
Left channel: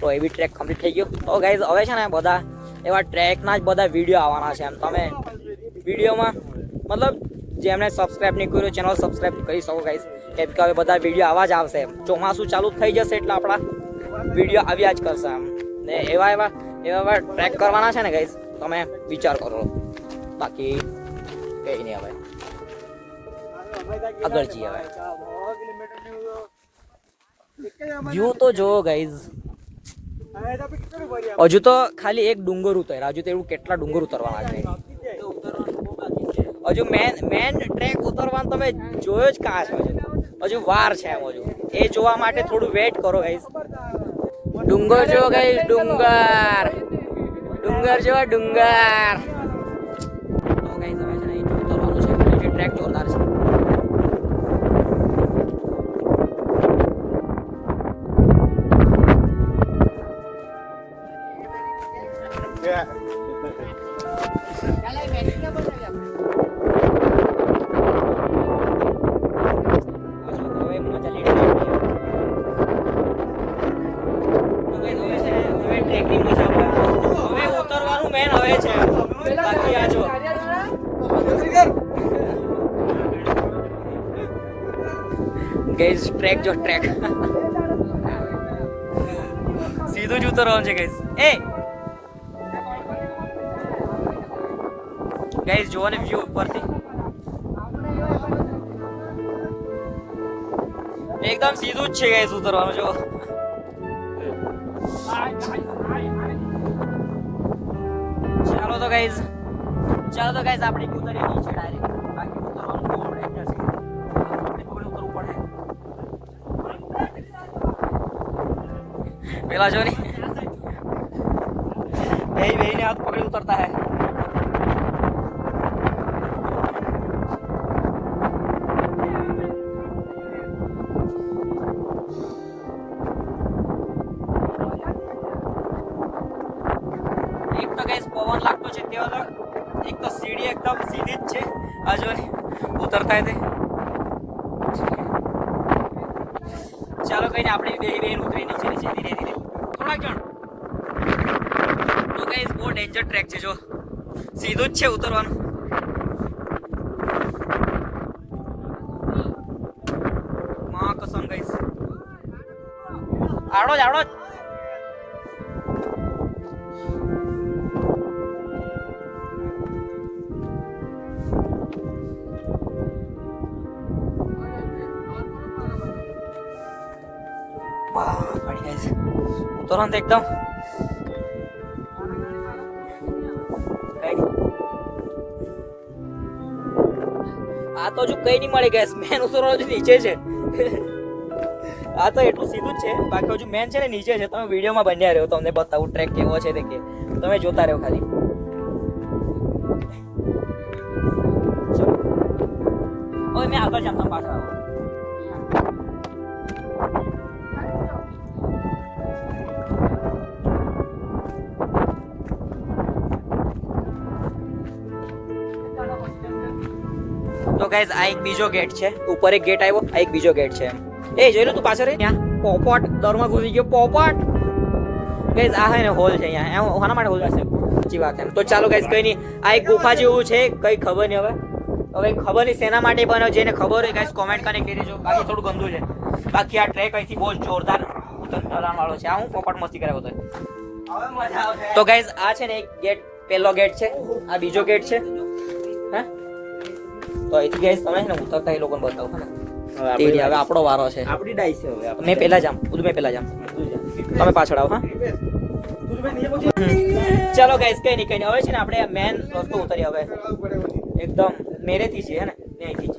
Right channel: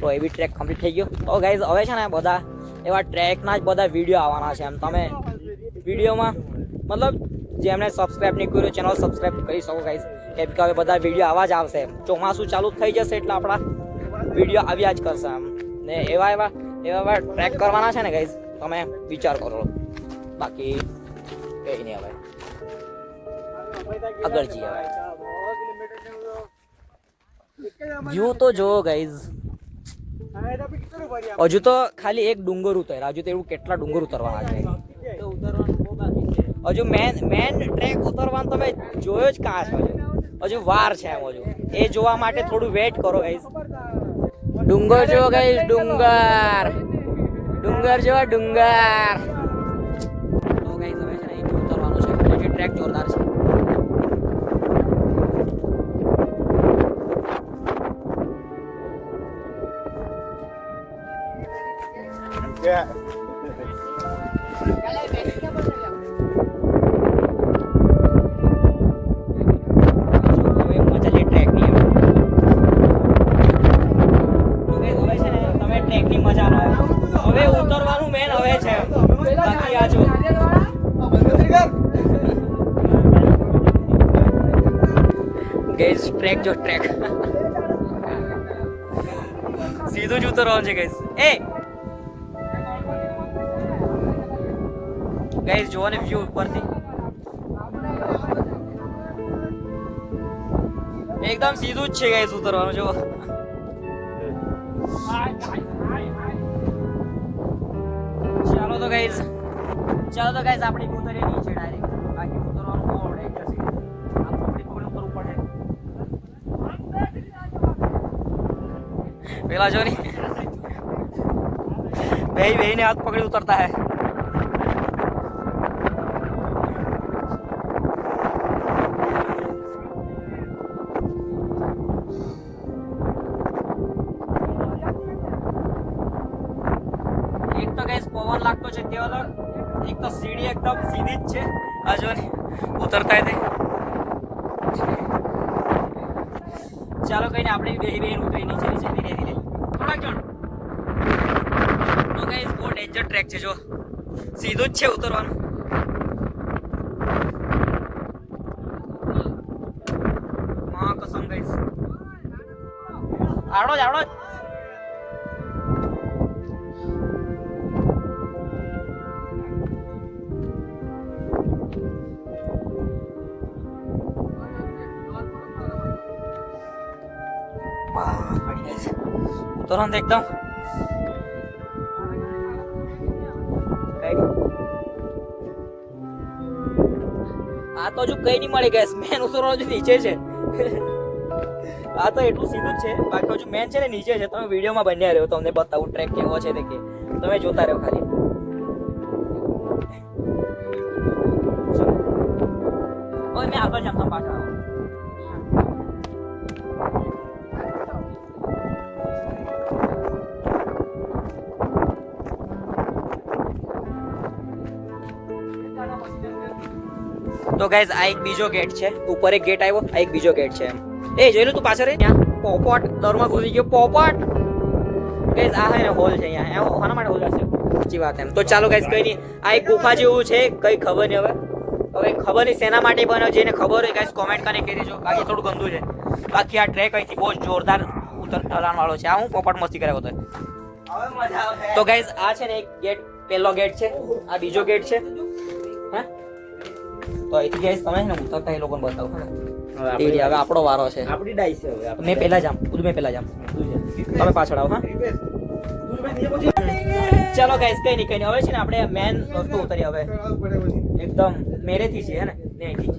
તો એવી ટ્રેક કમ્પ્લીટ થઈ ગયો. તો ગાઈઝ હવે છે ને બધા એવા ટ્રેકના જ બધા વિડીયો આવવાના છે. એમ તમે વિડીયોમાં મતલબ જેમણે સબસ્ક્રાઈબ નહીં કર્યું ચેનલ સબસ્ક્રાઈબ કરી શકો ગાઈઝ, કેમ કે હવે બધા વિડીયો આવા જ આવશે. ચોમાસું ચાલુ થઈ જશે એટલે આપણા વિડીયો આવ્યા જ કરશે એમ. ને એવા ટ્રેક કરવાના છે ને ગાઈઝ, તમે વિચાર કરો. બાકી કંઈ નહીં, હવે આગળ જઈએ. હવે વ્યૂ તો જો ગાઈઝ, હજુ તો ખાલી એક ડુંગર ઉતર્યા, હજુ તો એવું કેટલા ડુંગર ઉતરવાના છે. હજુ મેન ટ્રેક ઉતરવાનું તમે જોયો જ કાશ, હજુ વાર છે એમ. હજુ એ જોવા માટે થોડું વેઇટ કરો ગાઈઝ. ડુંગર જો ગાઈઝ, ડુંગર જો ડુંગર. તો ગાઈઝ હવે છે ને ઉતરવાનું છે, ટ્રેક જોરદાર છે. ટ્રેકની મજા આવે. હવે ઉતરવાનું મેન હવે છે, બાકી આ જો ગાઈઝ ટ્રેક જો, ટ્રેક સીધું જ ઉતરવાનું છે ગાઈઝ. ગાઈઝ જોવો ને વ્યૂ ઉપરથી, એકદમ સીધું જ છે ગાઈઝ ઉતરવાનું. જો ચાલો તો ગાઈઝ આપણે ઉતરીએ નીચે ડાયરેક્ટ. બાકી ઉતરવાનું બહુ આવડે જશે, ઉતરવું પડે. પેલા જો ની બેહીને હાથ પકડી ઉતરતા હે. તે અલગ, એક તો સીડી એકદમ સીધી જ છે. આ જો ને ઉતરતા તે. ચાલો કઈ ને આપણે બેન ઉતરી નીચે ધીરે ધીરે. તો ગાઈસ બહુ ડેન્જર ટ્રેક છે જો, સીધું જ છે ઉતરવાનું. માં કસમ ગાઈસ, આડો જ આડો જ. પડી જાય છે ઉતરવાનું તો એકદમ આ તો હજુ કઈ નહીં મળે ગેસ. મેન ઉતરવાનું નીચે છે. આ તો એટલું સીધું જ છે, બાકી હજુ મેન છે ને નીચે છે. તમે વિડીયોમાં બન્યા રહ્યો, તમને બતાવું ટ્રેક કેવો છે તે કે તમે જોતા રહ્યો ખાલી. હવે મેં આગળ જામ પાછળ આવો. તો ગાઈઝ આ એક બીજો ગેટ છે, ઉપર એક ગેટ આવ્યો, આ એક બીજો ગેટ છે. એમ એ જોઈ લો તું પાછળ ત્યાં પોપટ દરમાં ઘૂસી ગયો. પોપટ ગાઈઝ આ હે ને હોલ છે અહીંયા. એમ શાના માટે હોલ હશે? સાચી વાત એમ. તો ચાલો ગાઈઝ કઈ નહીં, આ એક ગુફા જેવું છે, કઈ ખબર નહીં હવે ખબર નહીં શેના માટે બનાવ્યું. જેને ખબર હોય ગાઈઝ કોમેન્ટ કરીને કહી દેજો. બાકી થોડું ગંદુ છે. બાકી આ ટ્રેક અહીંથી બહુ જોરદાર ઉતરવાનું વાળો છે. આ હું પોપટ મસ્તી કરાવ્યો હતો. તો ગાઈઝ આ છે ને એક ગેટ, પહેલો ગેટ છે, આ બીજો ગેટ છે. હા તો અહીંથી ગાઈઝ તમે ને ઉતરતા એ લોકોને બતાવો. હે ને હવે આપણો વારો છે. આપણી ડાઈસ છે હવે. મેં પહેલા જામ, મેં પહેલા જામ, તમે પાછળ આવો. હા ચાલો ગાઈઝ કઈ નહીં હવે છે ને આપણે મેન રસ્તો ઉતરી. હવે એકદમ મેરેથી છે. હે ને અહીંથી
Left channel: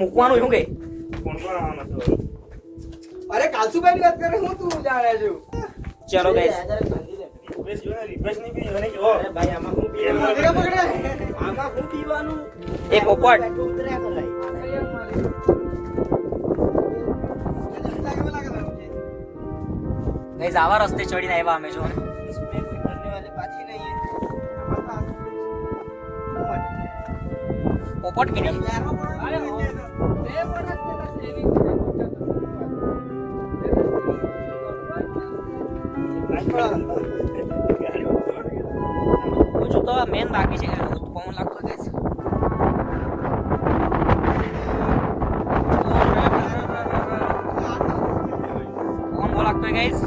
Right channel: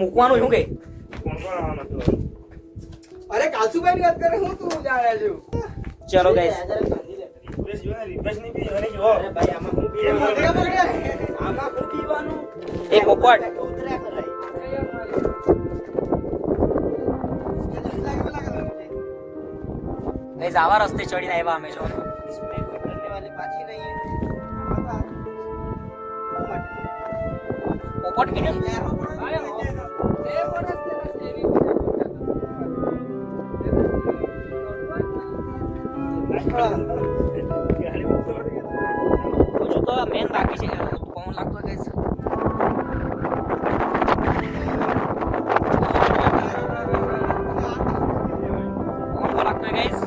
મૂકવાનું શું કઈ? અરે કાલસુભાઈ ની વાત કરે હું તું જાણે છું. ચલો ગાઈઝ એ પોપટ ગાઈઝ આવા રસ્તે ચડીને આવ્યા અમે જો ને. પોપટ હજુ તો મેન બાકી છે. કોણ લાગતો ગાઈઝ? કોણ બો લાગતો ગાઈઝ?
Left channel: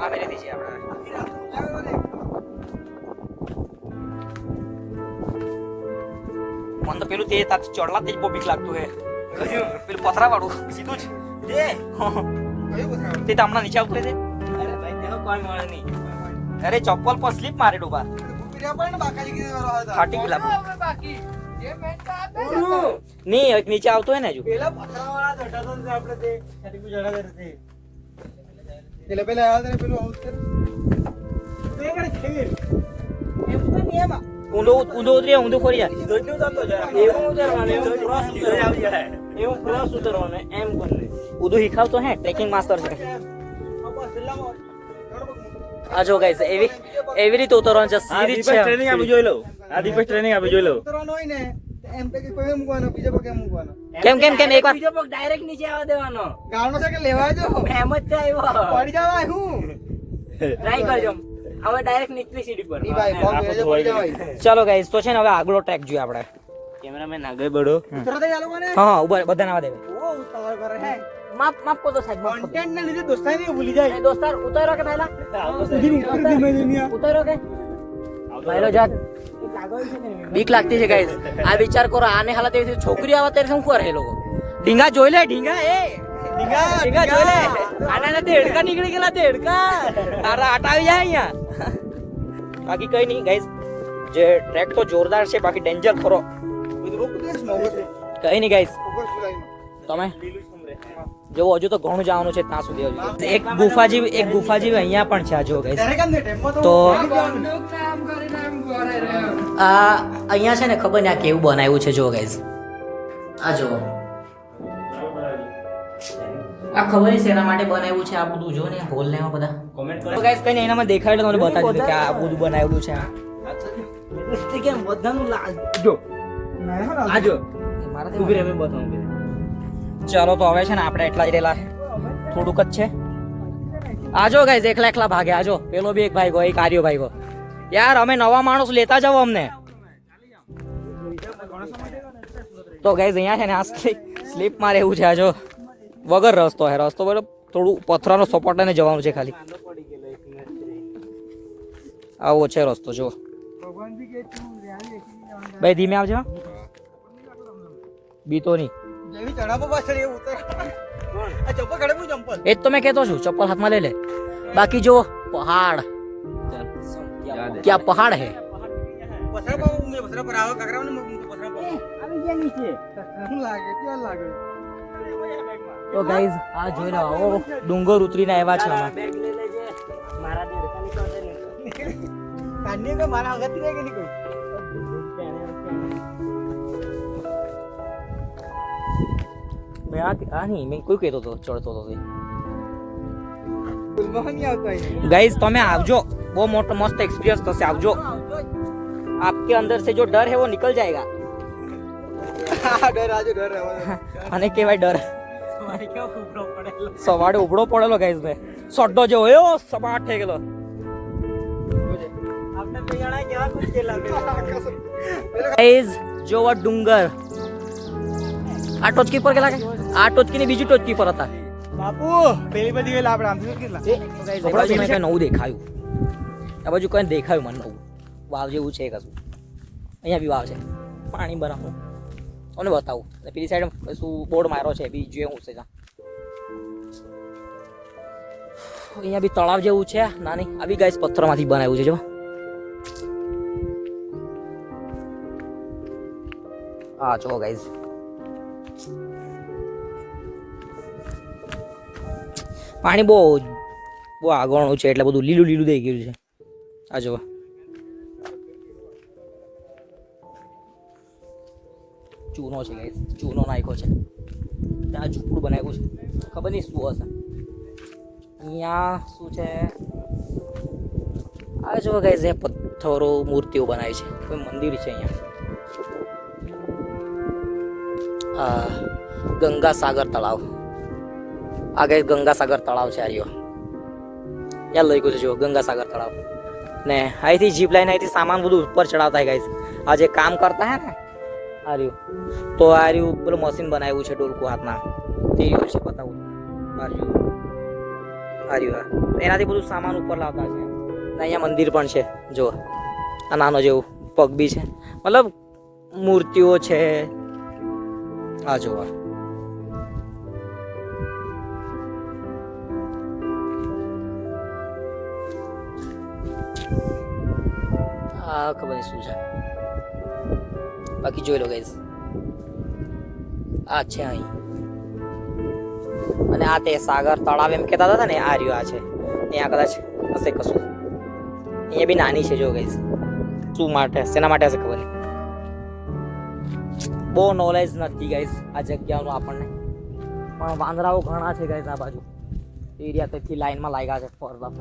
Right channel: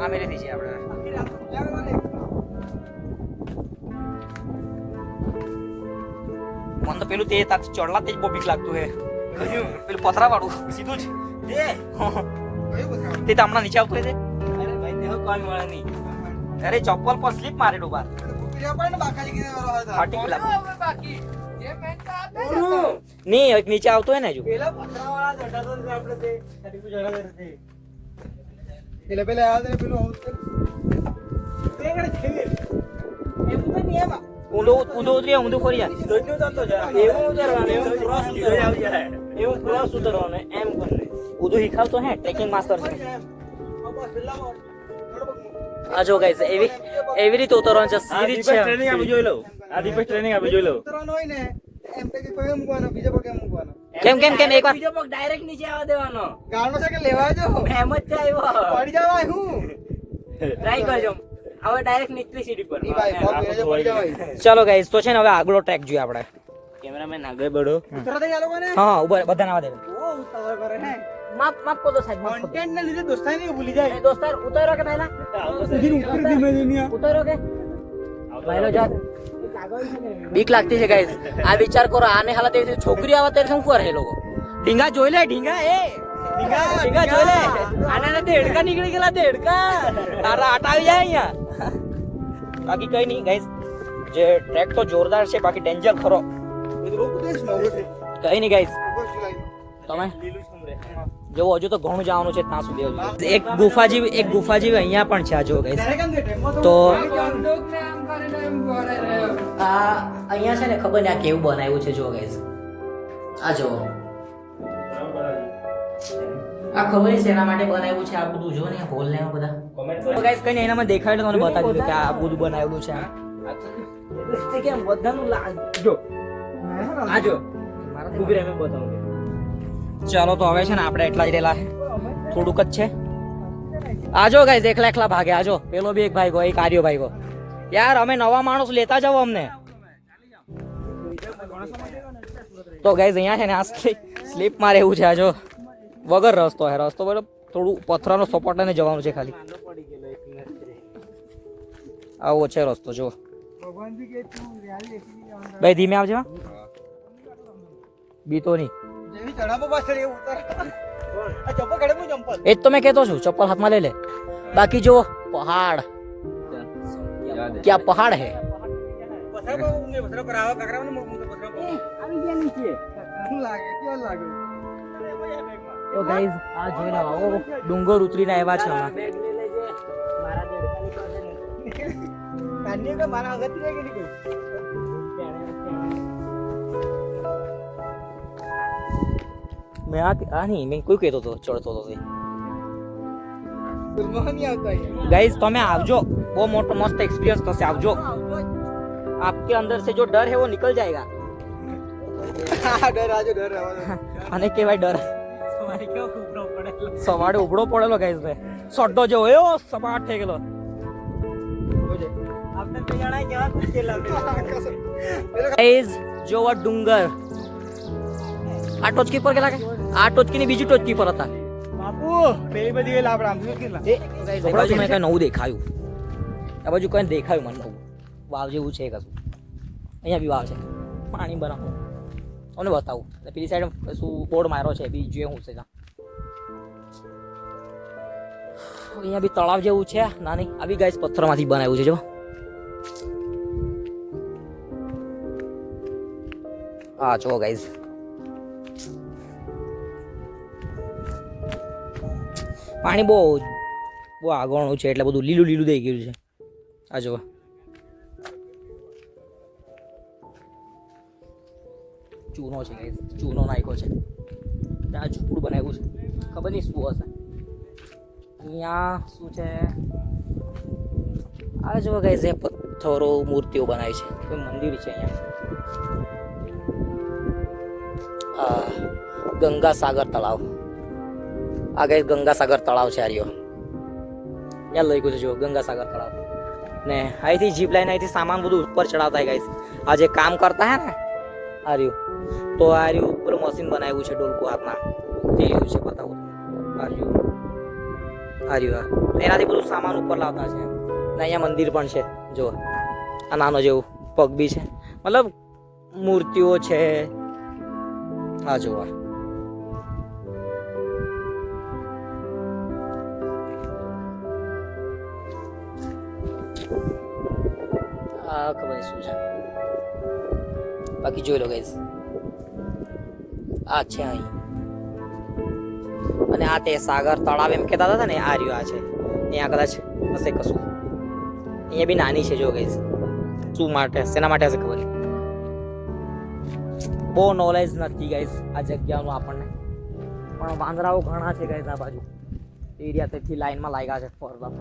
આ મેરેથી છે આપણે. મને તો પેલું તે તાથી ચડલા તે જ બહુ બીક લાગતું હે. પેલું પથરા વાળું સીધું જ તે તો હમણાં નીચે આવતું હે. અરે ભાઈ તેનો કોઈ મળે નહીં. અરે ચપ્પલ પર સ્લીપ મારે ડૂબા. નહીં એક નીચે આવતો હે ને હજુ. ઊંધો ઉતરી ઊંધો ખોરી જાય. એવું ક્રોસ ઉતરવાનું એમ કરીને. ઊંધું શીખાવતો હે, ટ્રેકિંગ માસ્ટર છે. આ જો ગાઈસ એવી રીતે ઉતરવાનું છે. સીધી છે. ટ્રેનિંગ આપી જોઈ લો. આ દીપક ટ્રેનિંગ આપી જોઈ લો. ઉતરવાનું હોય ને એમ પે કોઈ મૂકવાનો, બીજો પગ એમ મૂકવાનો. કેમ એકવાર બીજો પગ ડાયરેક્ટ નીચે આવવા દેવાનો. ગાળનો છે કે લેવા જો એમ જ થાય પડી જવાય હું ટ્રાય કરજો. હવે ડાયરેક્ટ નીચલી સીડી પર. ની ભાઈ પગ લેજો પડી જવાય. ચલો ગાઈસ તો છે ને હવે આગલો ટ્રેક જોઈએ આપણે. કેમેરામેન આગળ બઢો. ઉતરો દે ચાલુ કરે. હા ઉભા બધાને આવવા દે. ઓ ઉતાવળ કરે હે. માફ કરો સાહેબ, માફ કરો. કોન્ટેન્ટ ને લીધે દોસ્તાની ભૂલી જાય. દોસ્તાર ઉતારો કે પહેલા ઉતારો કે પહેલો જાક. બીક લાગતી છે ગાઈસ. આ વિચાર કરો, આને હાલત એવી છોકરી આવે ત્યારે શું કરે એ લોકો? ઢીંગા જોઈ લે, ઢીંગા ઢીંગા જોઈ લે. આને દેડકા નીકળી ગયેલા, દેડકા તારા આટા આવી જાય અહીંયા. બાકી કઈ નહીં ગાઈસ, જે ટ્રેક તો જોરદાર છે, બાકી ડેન્જર ખરો. કઈ નહીં ગાઈસ, તમે જો હજુ તો ઘણું જવાનું છે ત્યાં સુધી. એક ગુફા જેવી અહીંયા પણ છે. આ જો ગાઈસ તો આ અહીંયા છે ને ખબર ને આ કેવું બનાવ્યું છે જો ગાઈસ. આ જો આ ખબર છે એના માટે બનાવ્યું છે આ બધું જો ને હોલ ને એવા બધા કોમેન્ટ તો ગાઈસ કઈ નહીં એનામાં દેખાડે તમને બતાવી દીધું કે આ બધું બનાવેલું છે કેમ બધાનું જો આજો ઉભી રહે મેં બતાવું ચાલો તો હવે છે ને આપણે એટલા જ રહેલા છે થોડુંક જ છે આજો ગાઈસ એકલા ભાગે આજો પેલો બી એક ભાઈ ગયો એક આર્યો ભાઈ ગયો યાર અમે નવા માણસ લેતા જાવ અમને તો ગાઈસ અહીંયા છે ને આ સ્લીપ માં રહેવું છે આજો વગર રસ્તો હે રસ્તો બરાબર થોડું પથરાનો સપોર્ટ લઈને જવાનું છે ખાલી આવો છે રસ્તો જો ભાઈ ધીમે આવજો બીતો નહીં જેવી ચડાવો પાછળ એ ઉતર આ ચપ્પલ ગળે હું ચંપલ એ જ તો મેં કહેતો છું ચપ્પલ હાથમાં લઈ લે બાકી જો પહાડ ક્યાં પહાડ હે પથરા પર ઊંઘે પથરા પર આવા કાકરાને ઊંઘે પથરા પર આવી ગયા નીચે શું લાગે કેવું લાગે તો ગાઈઝ આ જોઈ લો ઓ ડુંગર ઉતરીને આવ્યા છે અમે કાંડી તો મારા આગળ રહી ગઈ કોઈ મેં આ નહીં મેં કોઈ કહેતો હતો ચડતો હતો ગુલમોહની આવતો અહીં गाइस તમે આવજો બહુ મોટો મસ્ત एक्सपीरियंस થશે આવજો आपके अंदर से जो डर है वो निकल जाएगा ડર આજો ડર રહેવા દો અને કેવાય ડર સવારે ઉભડો પડેલો ગાઈસ ભાઈ સોડો જેવો એવો સપાટ થઈ ગયેલો આપણે બે જણા કેવા કુકે લાગે ગાઈસ જો આ ડુંગર આ ટોચકી પર કેટલા આ ટોચકી ની બીજી ટોચકી પર હતા બાપુ પેલી બધી વેલ આપણે આમ કેટલા એ ગાઈસ આ બાજુ મને કઈ નવું દેખાયું આ બાજુ કઈ દેખાયું મને નવું વાવ જેવું છે કશું અહીંયા બી વાવ છે પાણી બનાવું અને બતાવું અને પેલી સાઈડ શું બોર્ડ માર્યો છે બી જે હું છે ત્યાં અહીંયા બી તળાવ જેવું છે નાની આ બી ગાઈસ પથ્થરમાંથી બનાવ્યું છે જો હા જો ગાઈસ પાણી બહુ આગળનું છે એટલે બધું લીલું લીલું થઈ ગયું છે આ જો ચૂનો છે ગાઈસ ચૂનો નાખ્યો છે ત્યાં ઝૂંપડું બનાવ્યું છે ખબર નહીં શું હશે અહીંયા શું છે આ જો ગાઈસ એ પથ્થરો મૂર્તિઓ બનાવી છે કોઈ મંદિર છે અહીંયા આ ગંગા સાગર તળાવ આ ગાઈસ ગંગા સાગર તળાવ છે આર્યો ત્યાં લઈ ગયું છે જો ગંગા સાગર તળાવ ને અહીંથી જીપ લાઈને અહીંથી સામાન બધું ઉપર ચડાવતા ગાઈસ આ જે કામ કરતા હે ને આર્યું તો આર્યું પેલું મશીન બનાવ્યું છે ડોલકું હાથમાં તે રહ્યું છે બતાવું આર્યું આર્યું એનાથી બધું સામાન ઉપર લાવતા છે ને અહીંયા મંદિર પણ છે જો આ નાનો જેવું પગ બી છે મતલબ મૂર્તિઓ છે આ જોવા આ ખબર નહીં શું છે બાકી જોઈ લો ગાઈસ આ છે અહીં અને આ તે સાગર તળાવ એમ કહેતા હતા ને આ રહ્યું આ છે અહીંયા કદાચ હશે કશું એ બી નાની છે જો ગાઈસ શું માટે શેના માટે હશે ખબર નહીં બહુ નોલેજ નથી ગાઈસ આ જગ્યાનું આપણને પણ વાંદરાઓ ઘણા છે ગાઈસ આ બાજુ એરિયા તેથી લાઈનમાં લાગ્યા છે ફરતા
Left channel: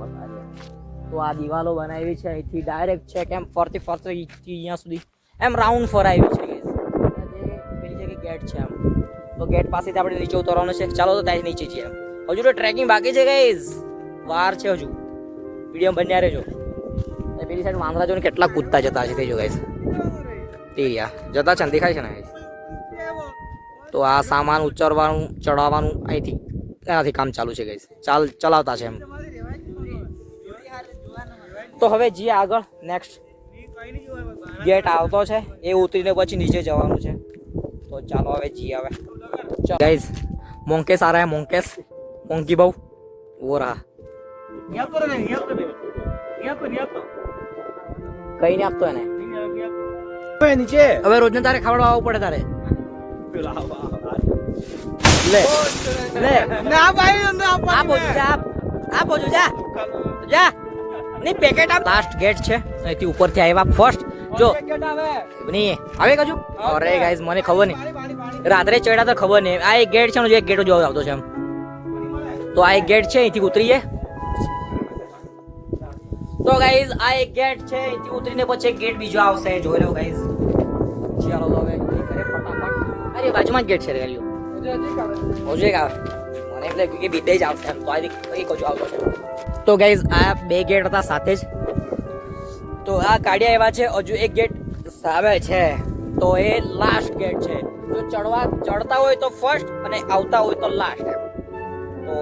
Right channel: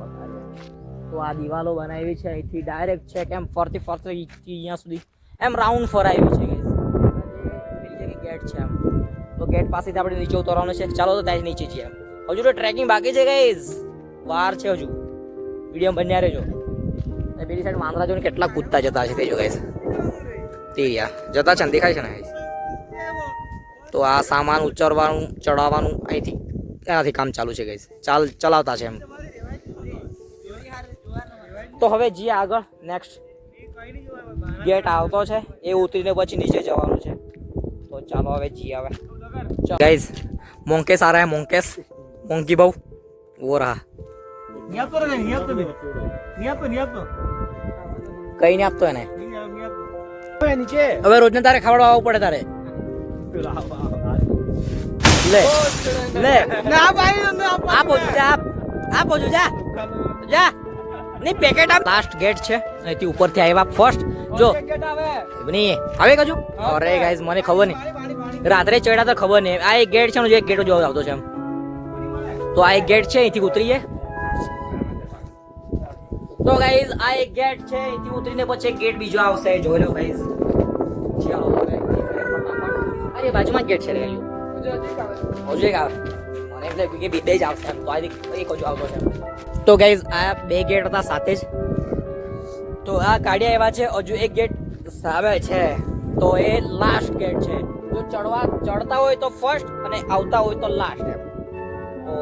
તો આ દિવાલો બનાવી છે અહીંથી ડાયરેક્ટ છે કેમ ફરતી અહીંયા સુધી એમ રાઉન્ડ ફરાવી છે ગાઈસ પેલી જગ્યાએ ગેટ છે એમ તો ગેટ પાસેથી આપણે નીચે ઉતરવાનું છે ચાલો તો ત્યાં નીચે છીએ હજુ તો ટ્રેકિંગ બાકી છે ગાઈસ વાર છે હજુ વિડીયો બન્યા રહેજો પેલી સાઈડ વાંદરા જોઈને કેટલા કૂદતા જતા છે તે જો ગાઈસ તે જતા છે ને દેખાય છે ને ગાઈસ તો આ સામાન ઉચરવાનું ચડાવવાનું અહીંથી એનાથી કામ ચાલુ છે ગાઈસ ચલાવતા છે એમ તો હવે જઈએ આગળ નેક્સ્ટ ગેટ આવતો છે એ ઉતરીને પછી નીચે જવાનું છે તો ચાલો હવે જઈએ હવે ગાઈસ મોંકેસ આ રહા હે મોંકેસ મોંકી બહુ वो रहा यहाँ पर है यहाँ पर કઈ નહીં આપતો એને નીચે હવે રોજને તારે ખાવડવા આવવું પડે તારે લે લે ના ભાઈ ના આ પહોંચું જા આ પહોંચું જા જા નહીં પેકેટ આપ લાસ્ટ ગેટ છે અહીંથી ઉપરથી આવ્યા ફર્સ્ટ જો આવે નહીં આવે કજુ અરે ગાઈસ મને ખબર નહીં રાત્રે ચડ્યા તો ખબર નહીં. આ એક ગેટ છે ને, એક ગેટ જોવા આવતો છે એમ. તો આ એક ગેટ છે, અહીંથી ઉતરીએ. તો ગાઈઝ આ એક ગેટ છે, અહીંથી ઉતરીને પછી એક ગેટ બીજો આવશે. જોઈ લો ગાઈઝ. ચાલો હવે ફટાફટ. અરે બાજુમાં જ ગેટ છે રે હજુ એક આવે. મને એટલે કે બે જ આવશે એમ. તો આ એક હજુ આવતો છે. તો ગાઈઝ આ બે ગેટ હતા સાથે જ. તો આ કાઢ્યા એવા છે. હજુ એક ગેટ સામે છે, તો એ લાસ્ટ ગેટ છે. જો ચડતા હોય તો ફર્સ્ટ અને આવતા હોય તો લાસ્ટ એમ. તો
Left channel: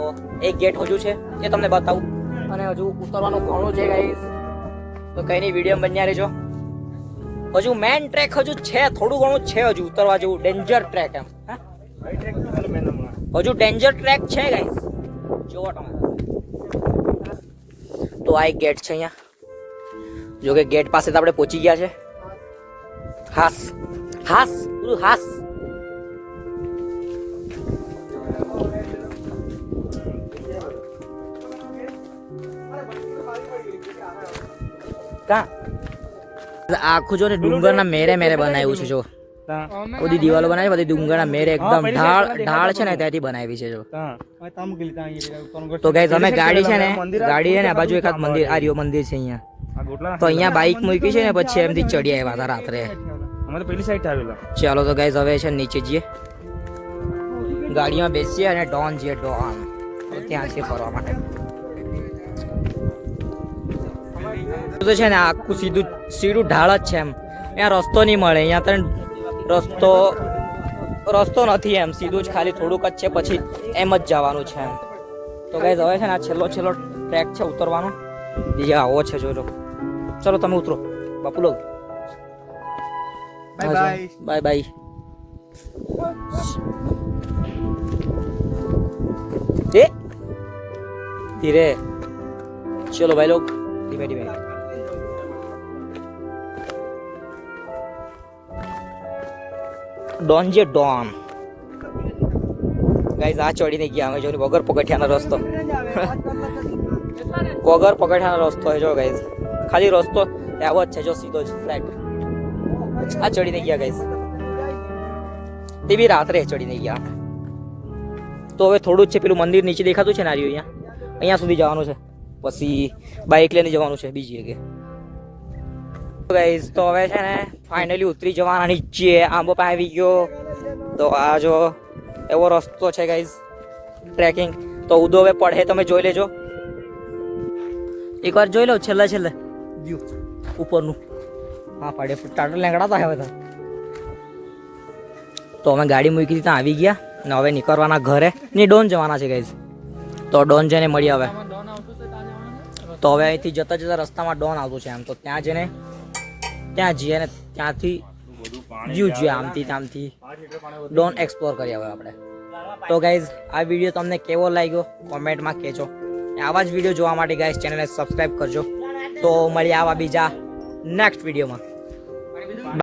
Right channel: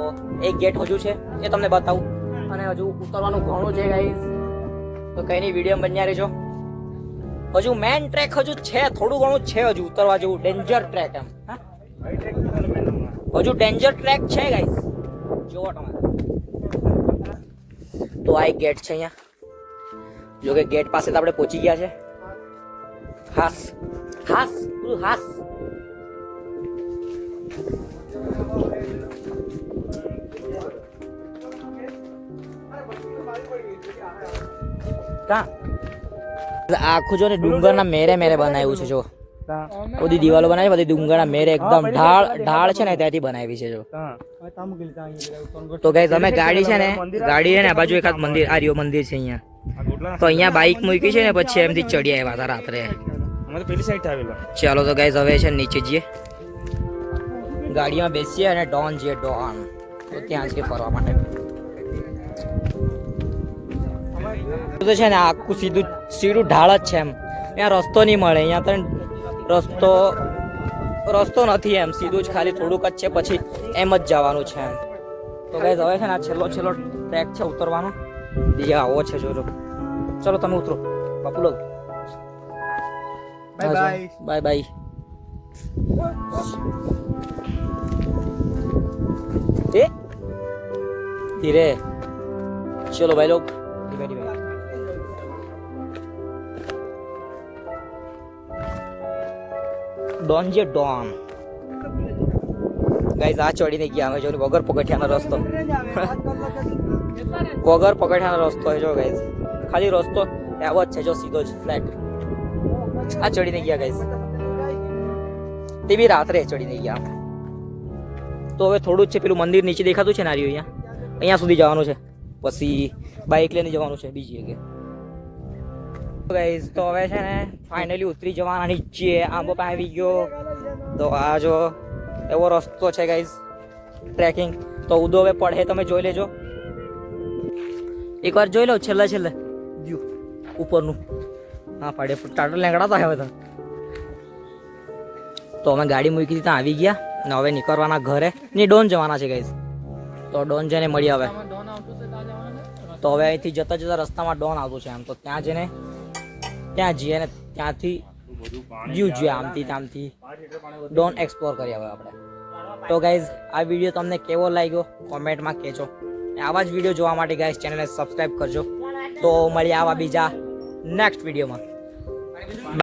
એક ગેટ હજુ છે, એ તમને બતાવું. અને હજુ ઉતરવાનું ઘણું છે ગાઈઝ. તો કઈ નહીં, વિડીયો બન્યા રહેજો. હજુ મેન ટ્રેક હજુ છે, થોડું ઘણું છે હજુ ઉતરવા જેવું. ડેન્જર ટ્રેક એમ. હજુ ડેન્જર ટ્રેક છે ગાઈઝ. જોવો તમે. તો આ એક ગેટ છે અહીંયા. જો કે ગેટ પાસે તો આપણે પહોંચી ગયા છે. હાસ હાસ હાસ. આખું જો ને ડુંગરના મેરે મેરે બનાવ્યું છે. જો બધી દિવાલો બનાવી, બધી ડુંગરના મેરે એકદમ ઢાળ છે ને ત્યાંથી બનાવી છે. જો તો ગાઈઝ અમે ગાડી છે ને, ગાડી છે ને આ બાજુ એકાદ મંદિર, આ રહ્યો મંદિર છે અહીંયા. તો અહીંયા બાઈક મૂકી છે ને, પછી એમથી ચડી આવ્યા હતા રાત્રે. ચાલો તો ગાઈઝ હવે છે નીચે જઈએ, ગાડીમાં બેસીએ અને ડોન જઈએ. ડોન તો ત્યાં છે ફરવા માટે. તો છે ને આખું સીધું ઢાળ જ છે એમ. અહીંયા રસ્તો નહીં મળે. અહીંયા તો રસ્તો નથી એમ. સીધું જ ખાલી થોડુંક જ છે, પછી એમ જ જવાનું છે એમ. તો ગાઈઝ હવે છે ને આ છેલ્લો ટ્રેક છે ઉતરવાનો. બીજા આવો છે. જોજો. ચલો તમે ઉતરો બાપુ લોગ. Bye bye. ધીરે ચલો ભાઈ લોગ, ધીમે ધીમે. ડોન જે ડોન. ગાઈઝ આ ચડીને ગયા અમે. જો વગર પગથિયાનો રસ્તો, વગર પગથિયાનો રસ્તો છે. જો ગાઈઝ ખાલી રસ્તો એવો જ છે, જો સીધો જ ફ્લેટ. આ ચડીને ગયા ગાઈઝ, તે બી રાત્રે ચડીને ગયા. તો હવે થોડું જ છે. પેલું મંદિર નીચે દેખાતું છે ને, અહીંયા અહીંયા સુધી જવાનું છે. પછી બાઇક લઈને જવાનું છે બીજી જગ્યાએ. ગાઈઝ તો હવે છે ને ફાઇનલી ઉતરી જવાના નીચે. આંબો પાસે આવી ગયો. તો આ જો એવો રસ્તો છે ગાઈઝ ટ્રેકિંગ. તો ઉદો હવે પડે, તમે જોઈ લેજો. એકવાર જોઈ લો છેલ્લે વ્યૂ ઉપરનું. હા પડે ટાટર લેંગડાતા હવે. તો અમે ગાડી મૂકી ત્યાં આવી ગયા ને હવે નીકળવાના ઘરે. ને ડોન જવાના છે ગાઈઝ. તો ડોન જઈને મળીએ હવે. તો હવે અહીંથી જતા રસ્તામાં ડોન આવતું છે એમ. તો ત્યાં જઈને ત્યાં જઈએ ને ત્યાંથી વ્યૂ જોઈએ આમથી ત્યાંથી. ડોન એક્સપ્લોર કરીએ હવે આપણે. તો ગાઈઝ આ વિડીયો તમને કેવો લાગ્યો કોમેન્ટમાં કહેજો. આવા જ વિડીયો જોવા માટે ગાઈઝ ચેનલને સબસ્ક્રાઈબ કરજો. તો મળીએ આવા બીજા નેક્સ્ટ વિડીયોમાં.